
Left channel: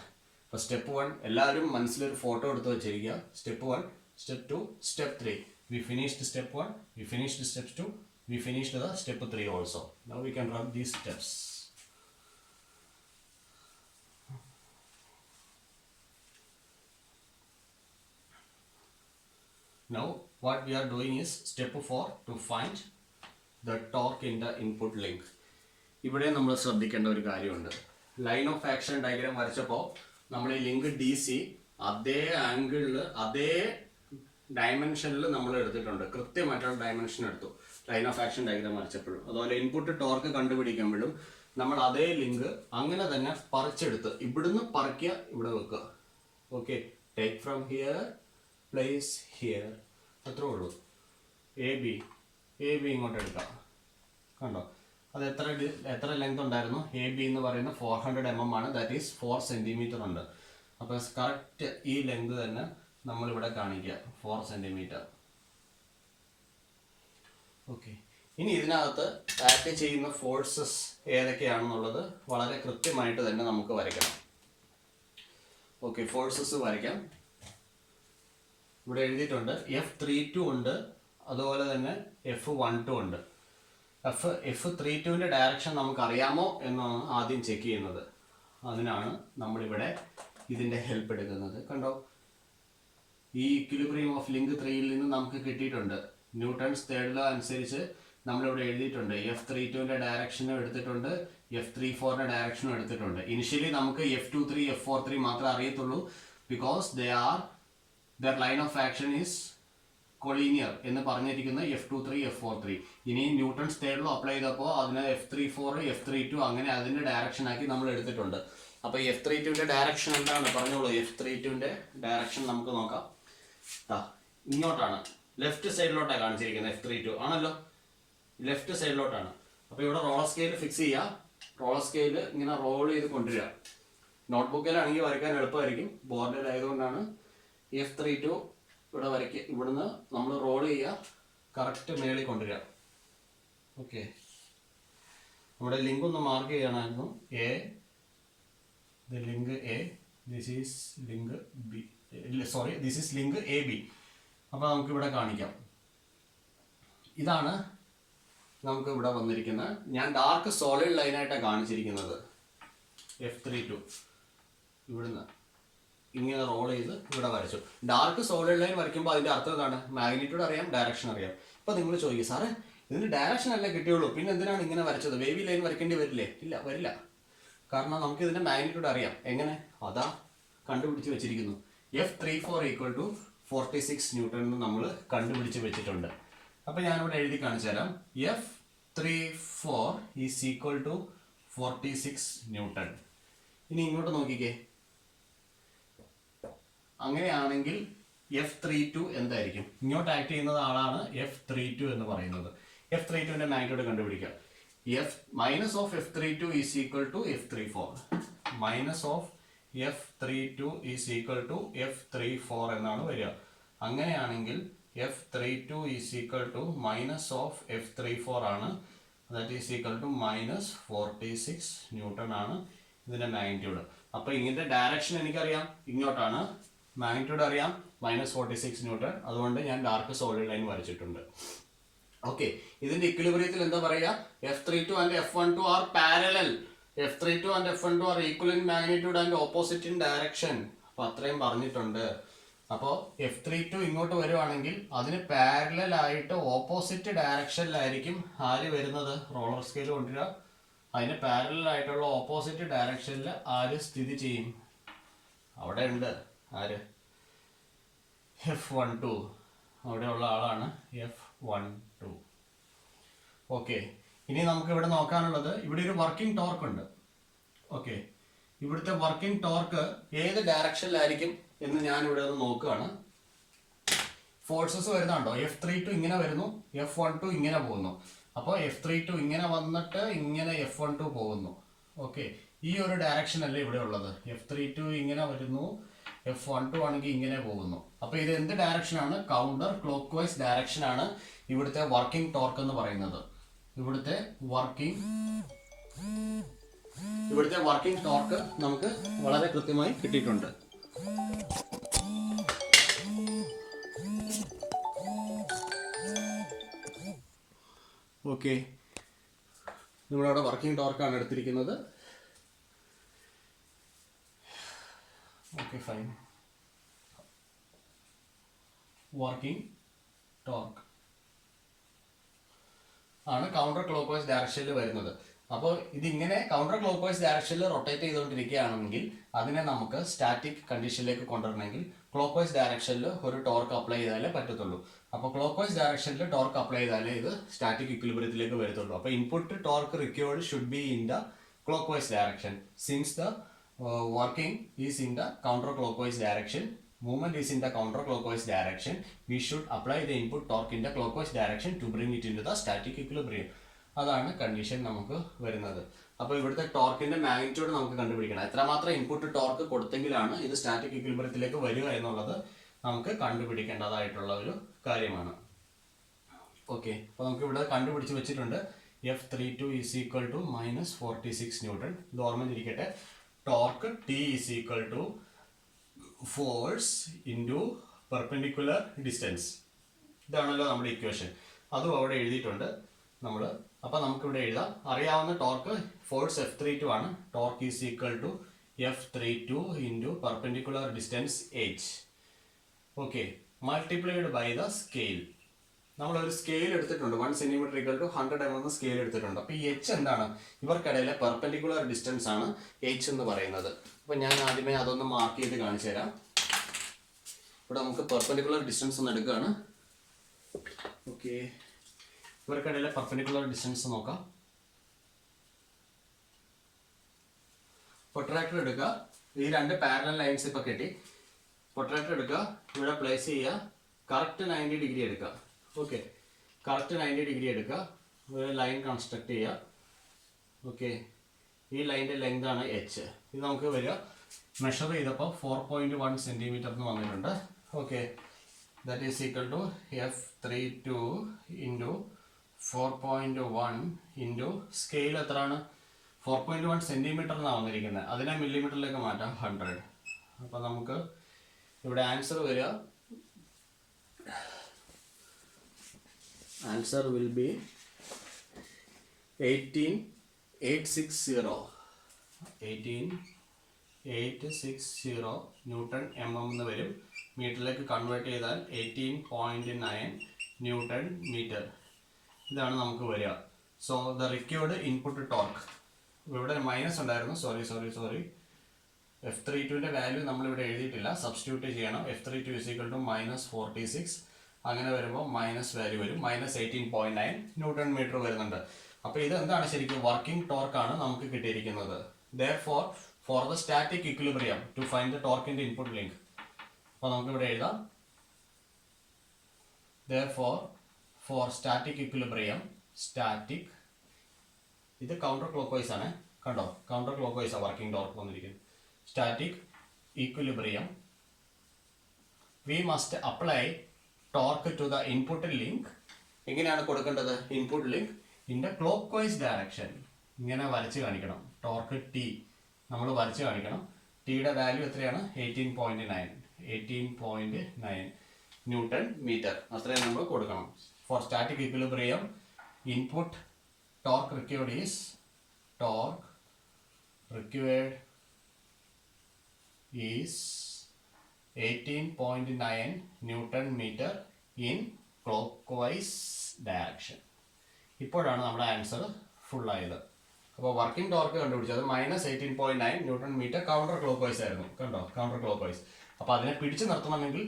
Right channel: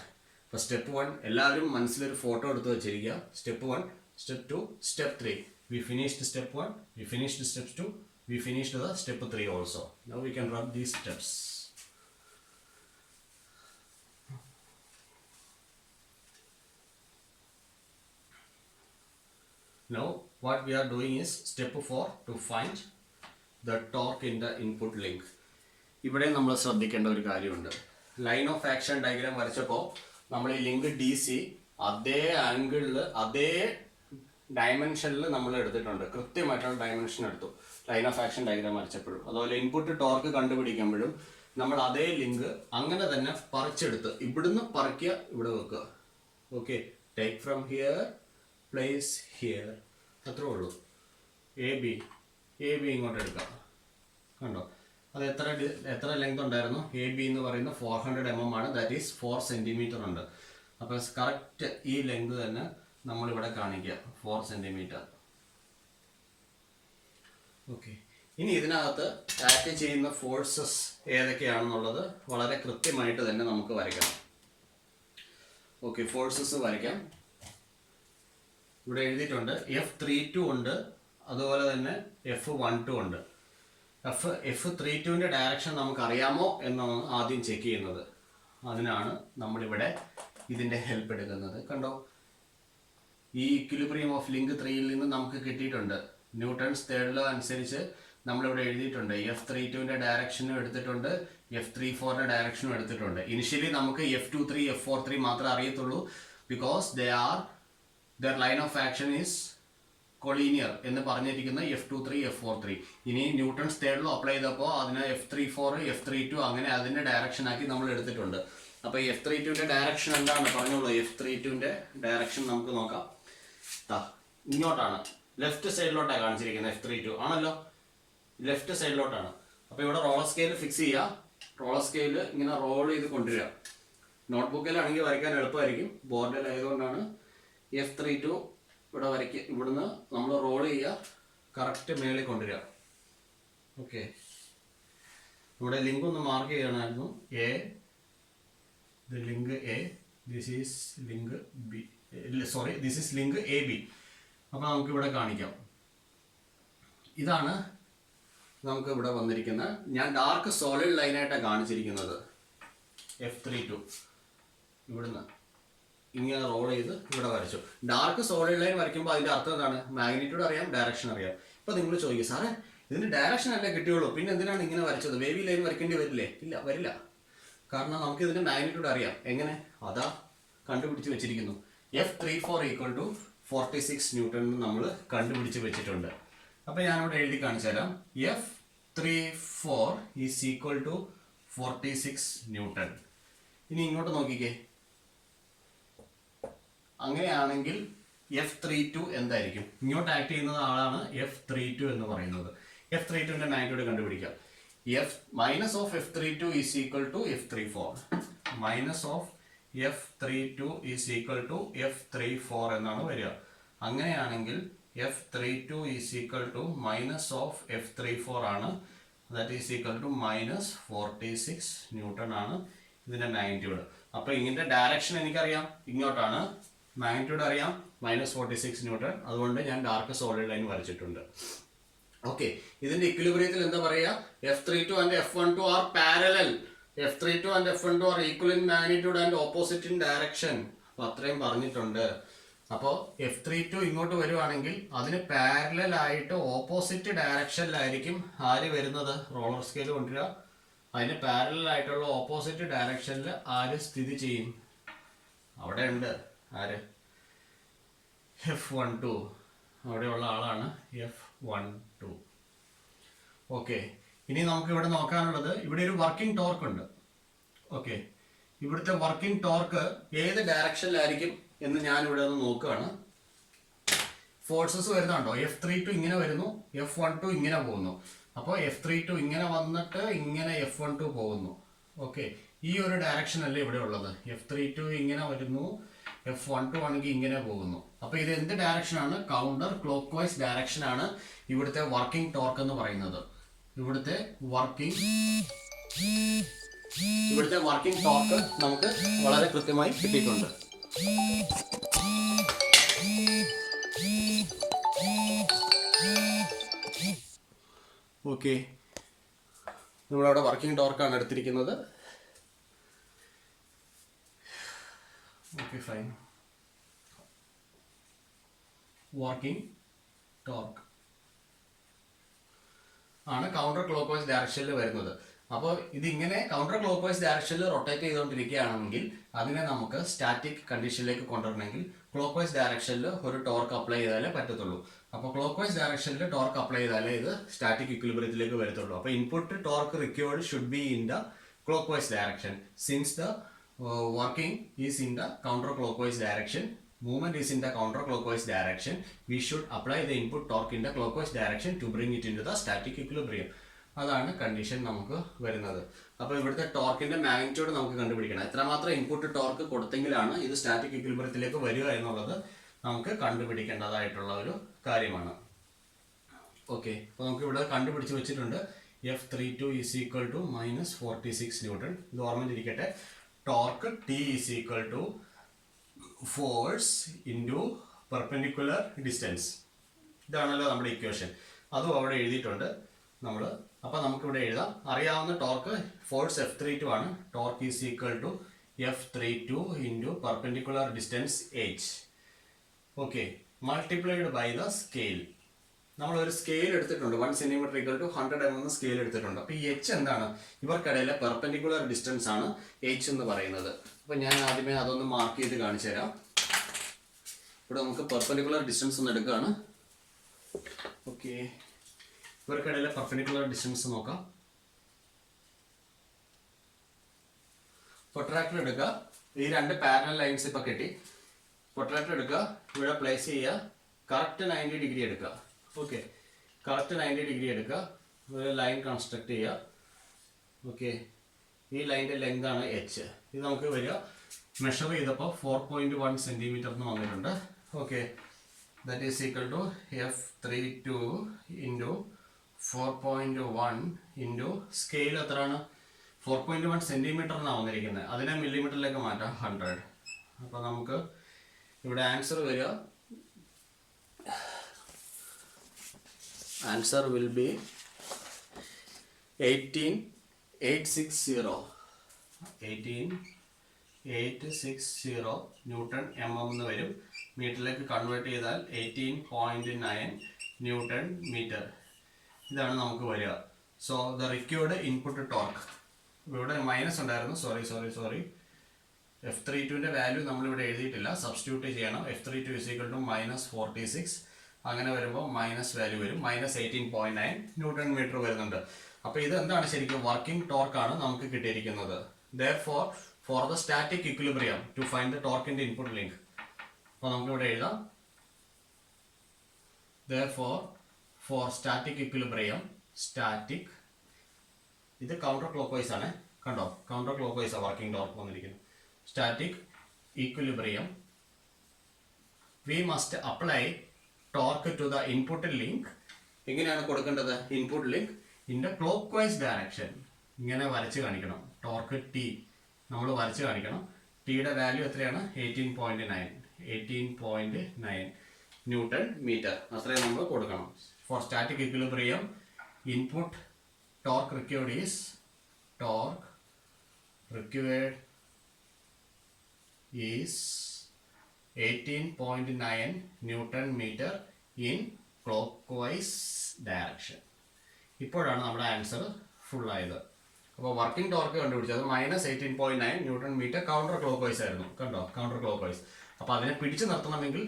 അപ്പോൾ സ്റ്റെപ്പ് 1 എല്ലാവരും മനസ്സിലൊരു ഫോട്ടോ എടുത്ത് വെച്ചിരിക്കുക. Step 1, step 2, step 3. We finished step 1, we finished step 2, we finished the step 3 also. Now we can rub these steps. Now what we are doing is step 4 to find the torque in the input link. ഇവിടെ നമ്മൾ ശ്രദ്ധിക്കേണ്ട ഒരു കാര്യമുണ്ട്. Line of action diagram വരച്ചപ്പോൾ നമ്മൾ ഈ link DC അതേ ആംഗിളിൽ അതേ ഡയമെൻഷനിൽ നമ്മൾ എടുത്തിട്ടുണ്ട്. കൃത്യമായിട്ടുള്ള ഡയമെൻഷൻ എടുത്തു ലൈൻ ഓഫ് ആക്ഷൻ ഡയഗ്രാം വരച്ചപ്പോഴും. അതുപോലെ ഇൻപുട്ട് ടോർക്ക് കണ്ടുപിടിക്കുമ്പോഴും നമ്മൾ അതേ ലിങ്ക് അങ്ങനെ തന്നെ പറിച്ചെടുത്ത് ഇവിടുന്ന് പറിക്കുക, ഇവിടെ വെക്കുക. Okay, take from here place here. അത്രേ ഉള്ളൂ. എ ബി ഇങ്ങോട്ട് എടുക്കാം. കണ്ടോ, അത് എത്ര ലെങ്ത് ഉണ്ടായിരുന്നു? എ ബി എന്ന് പറയുന്നത് 400 mm ആണ്. ദാറ്റ് ഈസ് 4 cm ഉണ്ട്. അപ്പോൾ കറക്റ്റ് ഈ ലെങ്ത് തന്നെ നമ്മളിവിടെ കാണിക്കുക, 4 cm. ഓക്കെ, ഇനി ഇതിനകത്ത് ആക്ട് ചെയ്യുന്ന ഫോഴ്സസ് ഏതൊക്കെയാണെന്നുള്ളത് വളരെ കൃത്യമായിട്ട് തന്നെ നമുക്ക് വരയ്ക്കണം. ഓക്കെ, ഫോഴ്സസ് വരയ്ക്കാം. ഇവിടെ എഴുതിയിട്ടുണ്ട് F32 ഉണ്ട്, അതുപോലെ തന്നെ F12 ഉണ്ട്. F32ൻ്റെ ഡയറക്ഷൻ നമുക്കറിയാമോ എന്നാണ് ആദ്യം ചെക്ക് ചെയ്യുന്നത്. അതിനാണ് നമ്മളിവിടെ ഇതിൻ്റെ ഹെൽപ്പ് എടുക്കുന്നത്. കണ്ടോ, ഈ ഇക്വിലിബ്രിയം ഓഫ് ലിങ്ക് 3യിൽ നിന്ന് നമുക്ക് കിട്ടിയിട്ടുണ്ട്. ന്യൂട്ടൺസ് തേർഡ് ലോ അനുസരിച്ച് നമ്മളിവിടെ എഴുതിയിട്ടുണ്ട്. F32ൻ്റെ ഡയറക്ഷനും എടുത്തിട്ടുണ്ട്, F34ൻ്റെ ഡയറക്ഷനും എടുത്തിട്ടുണ്ട്. ഇനിഷ്യലി നമുക്ക് F23 F43 മാത്രമേ അറിയത്തുള്ളൂ, because there line of action is collinear എന്ന് പറഞ്ഞിരിക്കുന്ന F23 F43. ഇനി ന്യൂട്ടൺസ് തേർഡ് ലോ അപ്ലൈ ചെയ്തപ്പോൾ അതിന് F34 F32 അങ്ങനെ അതിൻ്റെ ഡയറക്ഷൻ ആക്കി നമ്മൾ എടുത്തിട്ടുണ്ട്. അപ്പോൾ F32ൻ്റെ ഡയറക്ഷൻ എന്താണ് പറഞ്ഞോളൂ. F32ൻ്റെ ഡയറക്ഷൻ നമുക്ക് നോക്കാം. ഇങ്ങോട്ടാണ്, ലെഫ്റ്റ് സൈഡിലോട്ടാണ് കാണിച്ചിരിക്കുന്നത്. F32 ആണല്ലോ, ലെഫ്റ്റ് സൈഡിലോട്ടാണ്. അപ്പോൾ ഇവിടെ റോളർ സ്കെയിൽ ഫിക്സ് ചെയ്യുക. റോളർ സ്കെയിൽ ഇങ്ങനെ റോൾ ചെയ്ത് കൊണ്ടുവരിക. നോട്ട്ബുക്കിലാണെങ്കിൽ വരയ്ക്കാൻ എളുപ്പമായിരിക്കും, ബോർഡിലായതുകൊണ്ടാണ്. F32 ഇവിടെ വരയ്ക്കുക. ഇവിടുന്ന് നമ്മൾ റോൾ ചെയ്യുക, കറക്റ്റ് മേളിൽ കൊണ്ടുവരിക. ഓക്കെ, നമ്മുടെ ലിങ്ക് ഒന്ന് മാർക്ക് ചെയ്യണമായിരുന്നു. Link A, this is link B, sorry this is link A B. അപ്പോൾ നമുക്കിവിടെ കാണിക്കാം. ഇതാണ് നമുക്ക് ഇവിടെ വന്നിരിക്കുന്നത്. ഞാൻ ഡാർക്ക് സോളിഡ് ലൈനായിട്ടാണ് കാണിച്ചിരിക്കുന്നത്. F32 ഇവിടുന്ന് ഇങ്ങനെ റോൾ ചെയ്ത് ഇവിടെ വരച്ചു. ഡാർക്ക് സോളിഡ് ലൈൻ വരയ്ക്കുമ്പോൾ അതിൻ്റെ അർത്ഥം എന്താണ്? മാഗ്നിറ്റ്യൂഡ് അറിയാം, ഡയറക്ഷൻ അറിയാം. ഇപ്പോൾ നിങ്ങൾ ചോദിക്കും, സാറേ ഇതിന് ഡയറക്ഷൻ അല്ലേ കിട്ടിയുള്ളൂ, പിന്നെ എന്തിനാണ് ഇങ്ങനെ വരച്ചത്? വേവി ലൈൻ വരയ്ക്കേണ്ടി വരില്ലേ? ഇല്ല, വരില്ല. കാരണം നമുക്ക് ഇതിൻ്റെ മാഗ്നിറ്റ്യൂഡ് അറിയാം. എങ്ങനെ? അതാ കണ്ടുപിടിച്ച് വെച്ചിരിക്കുന്നു. F34 = 46 ന്യൂട്ടൺ എന്ന് നമ്മൾ കണ്ടുപിടിച്ച് വെച്ചിട്ടുണ്ട്. അപ്പോൾ ഞാനിവിടെ എഴുതി കാണിച്ചു തരാം. F34 = 46 newton. ഇനി ഇങ്ങോട്ട് നോക്കിക്കേ. അങ്ങനെയാണെങ്കിൽ F32 എന്തായിരിക്കും? ഇങ്ങോട്ട് ആക്ട് ചെയ്യുന്നത് ആളാണ് F32 എന്ന് പറയുന്നത്. F32ൻ്റെ മാഗ്നിറ്റ്യൂഡ് കണ്ടുപിടിക്കുക. Minus of F32 = F34. Minus of F32 = F34 എന്നാണ് വരിക. അങ്ങനെയാണെങ്കിൽ F32 = minus of F34 ആണ്. That is equal to -46 newton ആണ് ഇതിൻ്റെ മാഗ്നിറ്റ്യൂഡ്. അപ്പോൾ ഇതിൻ്റെ ഡയറക്ഷൻ എനിക്കറിയാം, ഇങ്ങോട്ടാണ്. മാഗ്നിറ്റ്യൂഡ് അറിയാം, -46 ന്യൂട്ടൺ. അതുകൊണ്ട് ഞാൻ ഡാർക്ക് സോളിഡ് ലൈൻ വരച്ചിട്ടുണ്ട്. ഓക്കെ, ഇതിൻ്റെ ഇക്വിലിബ്രിയത്തിൽ എന്താ പറയുക? F32 and F12 are parallel. F32 and F12 are equal in magnitude and opposite in direction. അപ്പോൾ അത്രയും പറഞ്ഞിട്ടുണ്ട്. അപ്പോൾ F32 ഇങ്ങോട്ട് വരുവാണെങ്കിൽ അതിന് പാരലൽ ആയിട്ട് ഓപ്പോസിറ്റ് ഡയറക്ഷനിലായിരിക്കും ആര് വരുന്നത്? റോളർ സ്കെയിൽ കൊണ്ടുവരിക. അതിന് പാരലൽ ആയിട്ടുള്ള ഓപ്പോസിറ്റ് ഡയറക്ഷനിൽ ആര് സ്ഥിതി ചെയ്യും? അവിടെ ഉണ്ട്. ആര്? F12. അവിടെയുള്ള ആളാണ് F12. ഓക്കെ, ഇനി നമുക്ക് ഇവിടെ നോക്കാനുള്ളത്, ഇവിടെ ഒരു വർക്കിംഗ് ടോർക്ക് ഉണ്ട്. ഓക്കെ, ഇവിടുത്തെ വർക്കിംഗ് ടോർക്ക് ഏത് ഡയറക്ഷനിലായിരിക്കും എന്ന് ഞാനിവിടെ ഒന്ന് നോക്കുകയാണ്. ഫോഴ്സസ് വരുന്നുണ്ടോ? F32 ഇങ്ങനെ വരുന്നു, F12 ഇങ്ങനെ പോകുന്നു. അപ്പോൾ F32 ഇങ്ങനെ വന്നിട്ട് ഇങ്ങനെ F12 പോകുന്നു. ഓക്കെ, ഈ ഒരു ഡയറക്ഷൻ അല്ലേ ഇവിടെ ഉള്ളത്. F32 ഇങ്ങനെ വരുന്നു, F12 ആണെങ്കിൽ ഇങ്ങനെ പോകുന്നു. അപ്പോൾ ഇത് എന്ത് ഡയറക്ഷനാണ്? കൗണ്ടർ ക്ലോക്ക് വൈസ് ഡയറക്ഷനാണ് ഇവിടുത്തെ വർക്കിംഗ് ടോർക്ക് എന്ന് പറയുന്നത്. ഇവിടുത്തെ വർക്കിംഗ് ടോർക്ക് നമുക്ക് വളരെ കൃത്യമായി കിട്ടിയിട്ടുണ്ട്. ഓക്കെ, നമ്മളവിടെ വർക്കിംഗ് ടോർക്കാണ് എടുത്തിരിക്കുന്നത്. Okay, fine. വർക്കിംഗ് ടോർക്ക് ആണ് കൗണ്ടർ ക്ലോക്ക് വൈസ് ഡയറക്ഷനിൽ വരുന്നത്. അപ്പോൾ ഇതിങ്ങനെ കൗണ്ടർ ക്ലോക്ക് വൈസ് ഡയറക്ഷനിൽ റൊട്ടേറ്റ് ചെയ്തുകൊണ്ടിരിക്കുകയാണെങ്കിൽ അതിനെ നമുക്ക് സ്റ്റാറ്റിക് കണ്ടീഷനിലേക്ക് കൊണ്ടുവരണമെങ്കിൽ ക്ലോക്ക് വൈസ് ഡയറക്ഷനിൽ ഒരു ടോർക്ക് അപ്ലൈ ചെയ്താലേ പറ്റത്തുള്ളൂ. അപ്പോൾ ക്ലോക്ക് വൈസ് ഡയറക്ഷനിൽ ടോർക്ക് അപ്ലൈ ചെയ്താലേ ഇത് സ്റ്റാറ്റിക് ഇക്വിലിബ്രിയത്തിലേക്ക് വരത്തുള്ളൂ. അപ്പോൾ input torque required should be in the clock vice direction. Since the working is in the counter clock vice direction, movement is in the counterclockwise direction, we should apply the input torque in the clockwise direction to bring it into the static equilibrium. അതാണ് condition നമുക്ക് വരുന്നത്. അപ്പോൾ ഇവിടുത്തെ ടോർക്കിന്റെ magnitude നമുക്ക് കണ്ടുപിടിക്കണം. എത്രമാത്രം input torque കൊടുത്തെങ്കിലാണ് ഇത് static ഇക്വിലിബ്രിയത്തിലേക്ക് വരിക എന്നുള്ളത് നമുക്ക് കണ്ടുപിടിക്കേണ്ടതായിട്ടുള്ള ഒരു കാര്യമാണ്. ഓക്കെ, അപ്പോൾ നമുക്ക് ഇവിടെ കണ്ടുപിടിച്ച് വെച്ചിട്ടുണ്ട്. F32 is equal to minus 46 Newton. ഇത് ഓർമ്മയിരിക്കട്ടെ. Torque T is equal to force into perpendicular distance. ഇതാണല്ലോ നമ്മുടെ ഇക്വേഷൻ. അതും അവിടെ എഴുതിയിട്ടുണ്ട് നമ്മൾ. അപ്പോൾ നമുക്കിവിടെ എഴുതാം. അറിയാവുന്ന ടോർക്ക് ഫോഴ്സ് F32 ആണ്. Torque is equal to F32 into perpendicular distance h. Okay, multiplied by the scale. നമ്മളൊരു സ്കെയിൽ എടുത്തിട്ടുണ്ട്. 1 സെന്റിമീറ്റർ ഈക്വൽ ടു 100 mm എന്ന സ്കെയിൽ എടുത്തിട്ടുണ്ട്. അപ്പോൾ ഈ h എന്താണ്? ഇവർക്കിടയിലെ പെർപെൻഡിക്കുലർ ഡിസ്റ്റൻസ് ആണ് h എന്ന് പറയുന്നത്. അപ്പോൾ ഞാൻ ആദ്യമേ അതൊന്ന് മാർക്ക് ചെയ്ത് കാണിച്ചു തരാം. ഇവിടെ നമുക്ക് പെർപെൻഡിക്കുലർ ഡിസ്റ്റൻസ് ഒന്ന് എടുക്കുകയാണ്. ഓക്കെ, ഇവർക്കിടയിലെ പെർപെൻഡിക്കുലർ ഡിസ്റ്റൻസ് നോക്കാം. പ്രൊട്രാക്ടർ എടുക്കുക. ഈ രണ്ട് പാരലൽ ലൈൻസ് ഇപ്പോൾ കിട്ടി. പ്രൊട്രാക്ടർ എടുക്കുക, ഇവിടെ പ്ലേസ് ചെയ്യുക. കറക്റ്റ് 90 ഡിഗ്രി എടുക്കുക. ഓക്കെ, കറക്റ്റ് 90 ഡിഗ്രി എടുക്കുക. ഒരു ലൈൻ കൺസ്ട്രക്ട് ചെയ്യുക. ഓക്കെ, ഈ ലൈൻ്റെ ലെങ്ത് ആണ് h. ഇത് നമുക്ക് വരിക മെഷർ ചെയ്തപ്പോൾ 4.1 സെൻറ്റിമീറ്റർ എന്ന് വന്നിട്ടുണ്ട്. Okay, that is equal to F32 into 4.1 into scale എത്രയാണ്? 4.1 സെൻറ്റിമീറ്റർ എന്നാണ് വന്നിരിക്കുന്നത്. അതിനെ മില്ലിമീറ്ററിലേക്ക് മാറ്റാം, 100. അപ്പോൾ നമുക്ക് ഇവിടെ ആൻസർ വരിക, answer will be 18,860 newton mm എന്ന് വരും. മീറ്ററിലേക്ക് കൺവേർട്ട് ചെയ്താൽ 18.9 ന്യൂട്ടൺ മീറ്റർ. ഇതാണ് നമുക്ക് വരിക. So the required input torque, ഇവിടെ മൈനസ് ഉണ്ടായിരുന്നു, സോറി. F32ൻ്റെ വാല്യൂ നമ്മളിവിടെ എഴുതിയിട്ടില്ല, സബ്സ്റ്റിറ്റ്യൂട്ട് ചെയ്യണം. F32 is equal to minus 46. അങ്ങനെ വരുമ്പോൾ മൈനസ് വാല്യൂ വരും, minus 18.9 ന്യൂട്ടൺ മീറ്റർ വരുന്നുണ്ട്. അപ്പോൾ ഇത് എന്താണ്? ശരിക്കും വർക്കിംഗ് ടോർക്കാണ് നമുക്ക് കിട്ടിയിരിക്കുന്നത്. Therefore, for the static equilibrium to find the torque in the input link, അപ്പോൾ നമുക്ക് ഇവിടെ എഴുതാം. Therefore, for static equilibrium, static, ഇത് കൗണ്ടർ ക്ലോക്ക്വൈസ് ആണ്, കണ്ടോ? കൗണ്ടർ ക്ലോക്ക്വൈസ് ആണ് വർക്കിംഗ് ടോർക്ക് വന്നിരിക്കുന്നത്. Static equilibrium, we must apply torque to the input link. എങ്ങനെയാണ് കൊടുക്കേണ്ടത്? Input link in the clockwise direction. ഇങ്ങനെ വരച്ച് കാണിക്കണം. ടോർക്ക് ടി നമ്മൾ വരച്ച് കാണിക്കണം. ടിയുടെ വാല്യൂ എത്രയാണ്? 18.9 ന്യൂട്ടൺ മീറ്റർ. അത്രയും നമ്മൾ കൊടുക്കണം. For static equilibrium, input torque required is torque required is 18.9 Newton meter in clockwise direction. ഇപ്പോഴാണ് നമ്മുടെ ആൻസർ ഫുൾ ആയത്. അപ്പോൾ വർക്കിംഗ് ടോർക്ക് കണ്ടുപിടിച്ചത് -18.9 ന്യൂട്ടൺ മീറ്റർ കൗണ്ടർ ക്ലോക്ക്വൈസ് ആയിരുന്നു. കണ്ടോ? Counter clockwise. അപ്പോൾ അതിനെ പിടിച്ചു നിർത്തണമെങ്കിൽ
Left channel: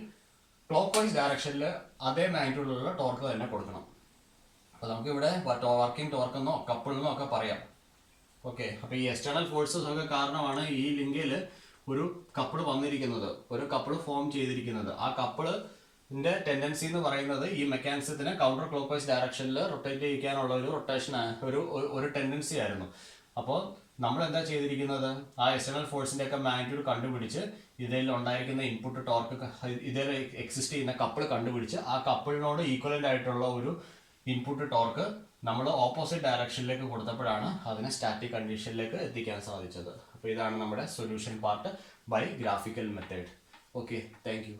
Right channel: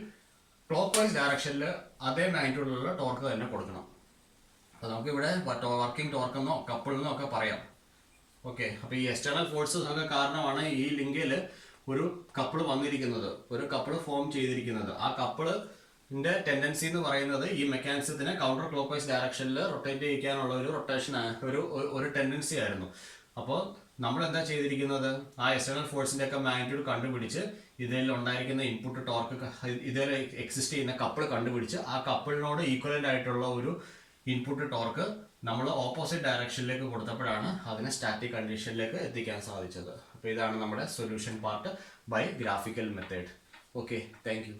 ക്ലോക്ക്വൈസ് ഡയറക്ഷനിൽ അതേ മാഗ്നിറ്റ്യൂഡിലുള്ള ടോർക്ക് തന്നെ കൊടുക്കണം. അപ്പോൾ നമുക്കിവിടെ വർക്കിംഗ് ടോർക്ക് എന്നോ കപ്പിൾ എന്നോ ഒക്കെ പറയാം. ഓക്കെ, അപ്പോൾ ഈ എക്സ്റ്റേണൽ ഫോഴ്സസ് ഒക്കെ കാരണമാണ് ഈ ലിങ്കിൽ ഒരു കപ്പിൾ വന്നിരിക്കുന്നത്, ഒരു കപ്പിൾ ഫോം ചെയ്തിരിക്കുന്നത്. ആ കപ്പിളിന്റെ ടെൻഡൻസി എന്ന് പറയുന്നത് ഈ മെക്കാനിസത്തിനെ കൗണ്ടർ ക്ലോക്ക്വൈസ് ഡയറക്ഷനിൽ റൊട്ടേറ്റ് ചെയ്യിക്കാനുള്ള ഒരു റൊട്ടേഷൻ, ഒരു ടെൻഡൻസി ആയിരുന്നു. അപ്പോൾ നമ്മൾ എന്താ ചെയ്തിരിക്കുന്നത്? ആ എക്സ്റ്റേണൽ ഫോഴ്സിന്റെ ഒക്കെ മാഗ്നിറ്റ്യൂഡ് കണ്ടുപിടിച്ച് ഇതിൽ ഉണ്ടായിരിക്കുന്ന ഇൻപുട്ട് ടോർക്ക്, ഇതിൽ എക്സിസ്റ്റ് ചെയ്യുന്ന കപ്പിൾ കണ്ടുപിടിച്ച് ആ കപ്പിളിനോട് ഈക്വലന്റ് ആയിട്ടുള്ള ഒരു ഇൻപുട്ട് ടോർക്ക് നമ്മൾ ഓപ്പോസിറ്റ് ഡയറക്ഷനിലേക്ക് കൊടുത്തപ്പോഴാണ് അതിനെ സ്റ്റാറ്റിക് കണ്ടീഷനിലേക്ക് എത്തിക്കാൻ സാധിച്ചത്. അപ്പോൾ ഇതാണ് നമ്മുടെ solution part by graphical method. Okay, thank U.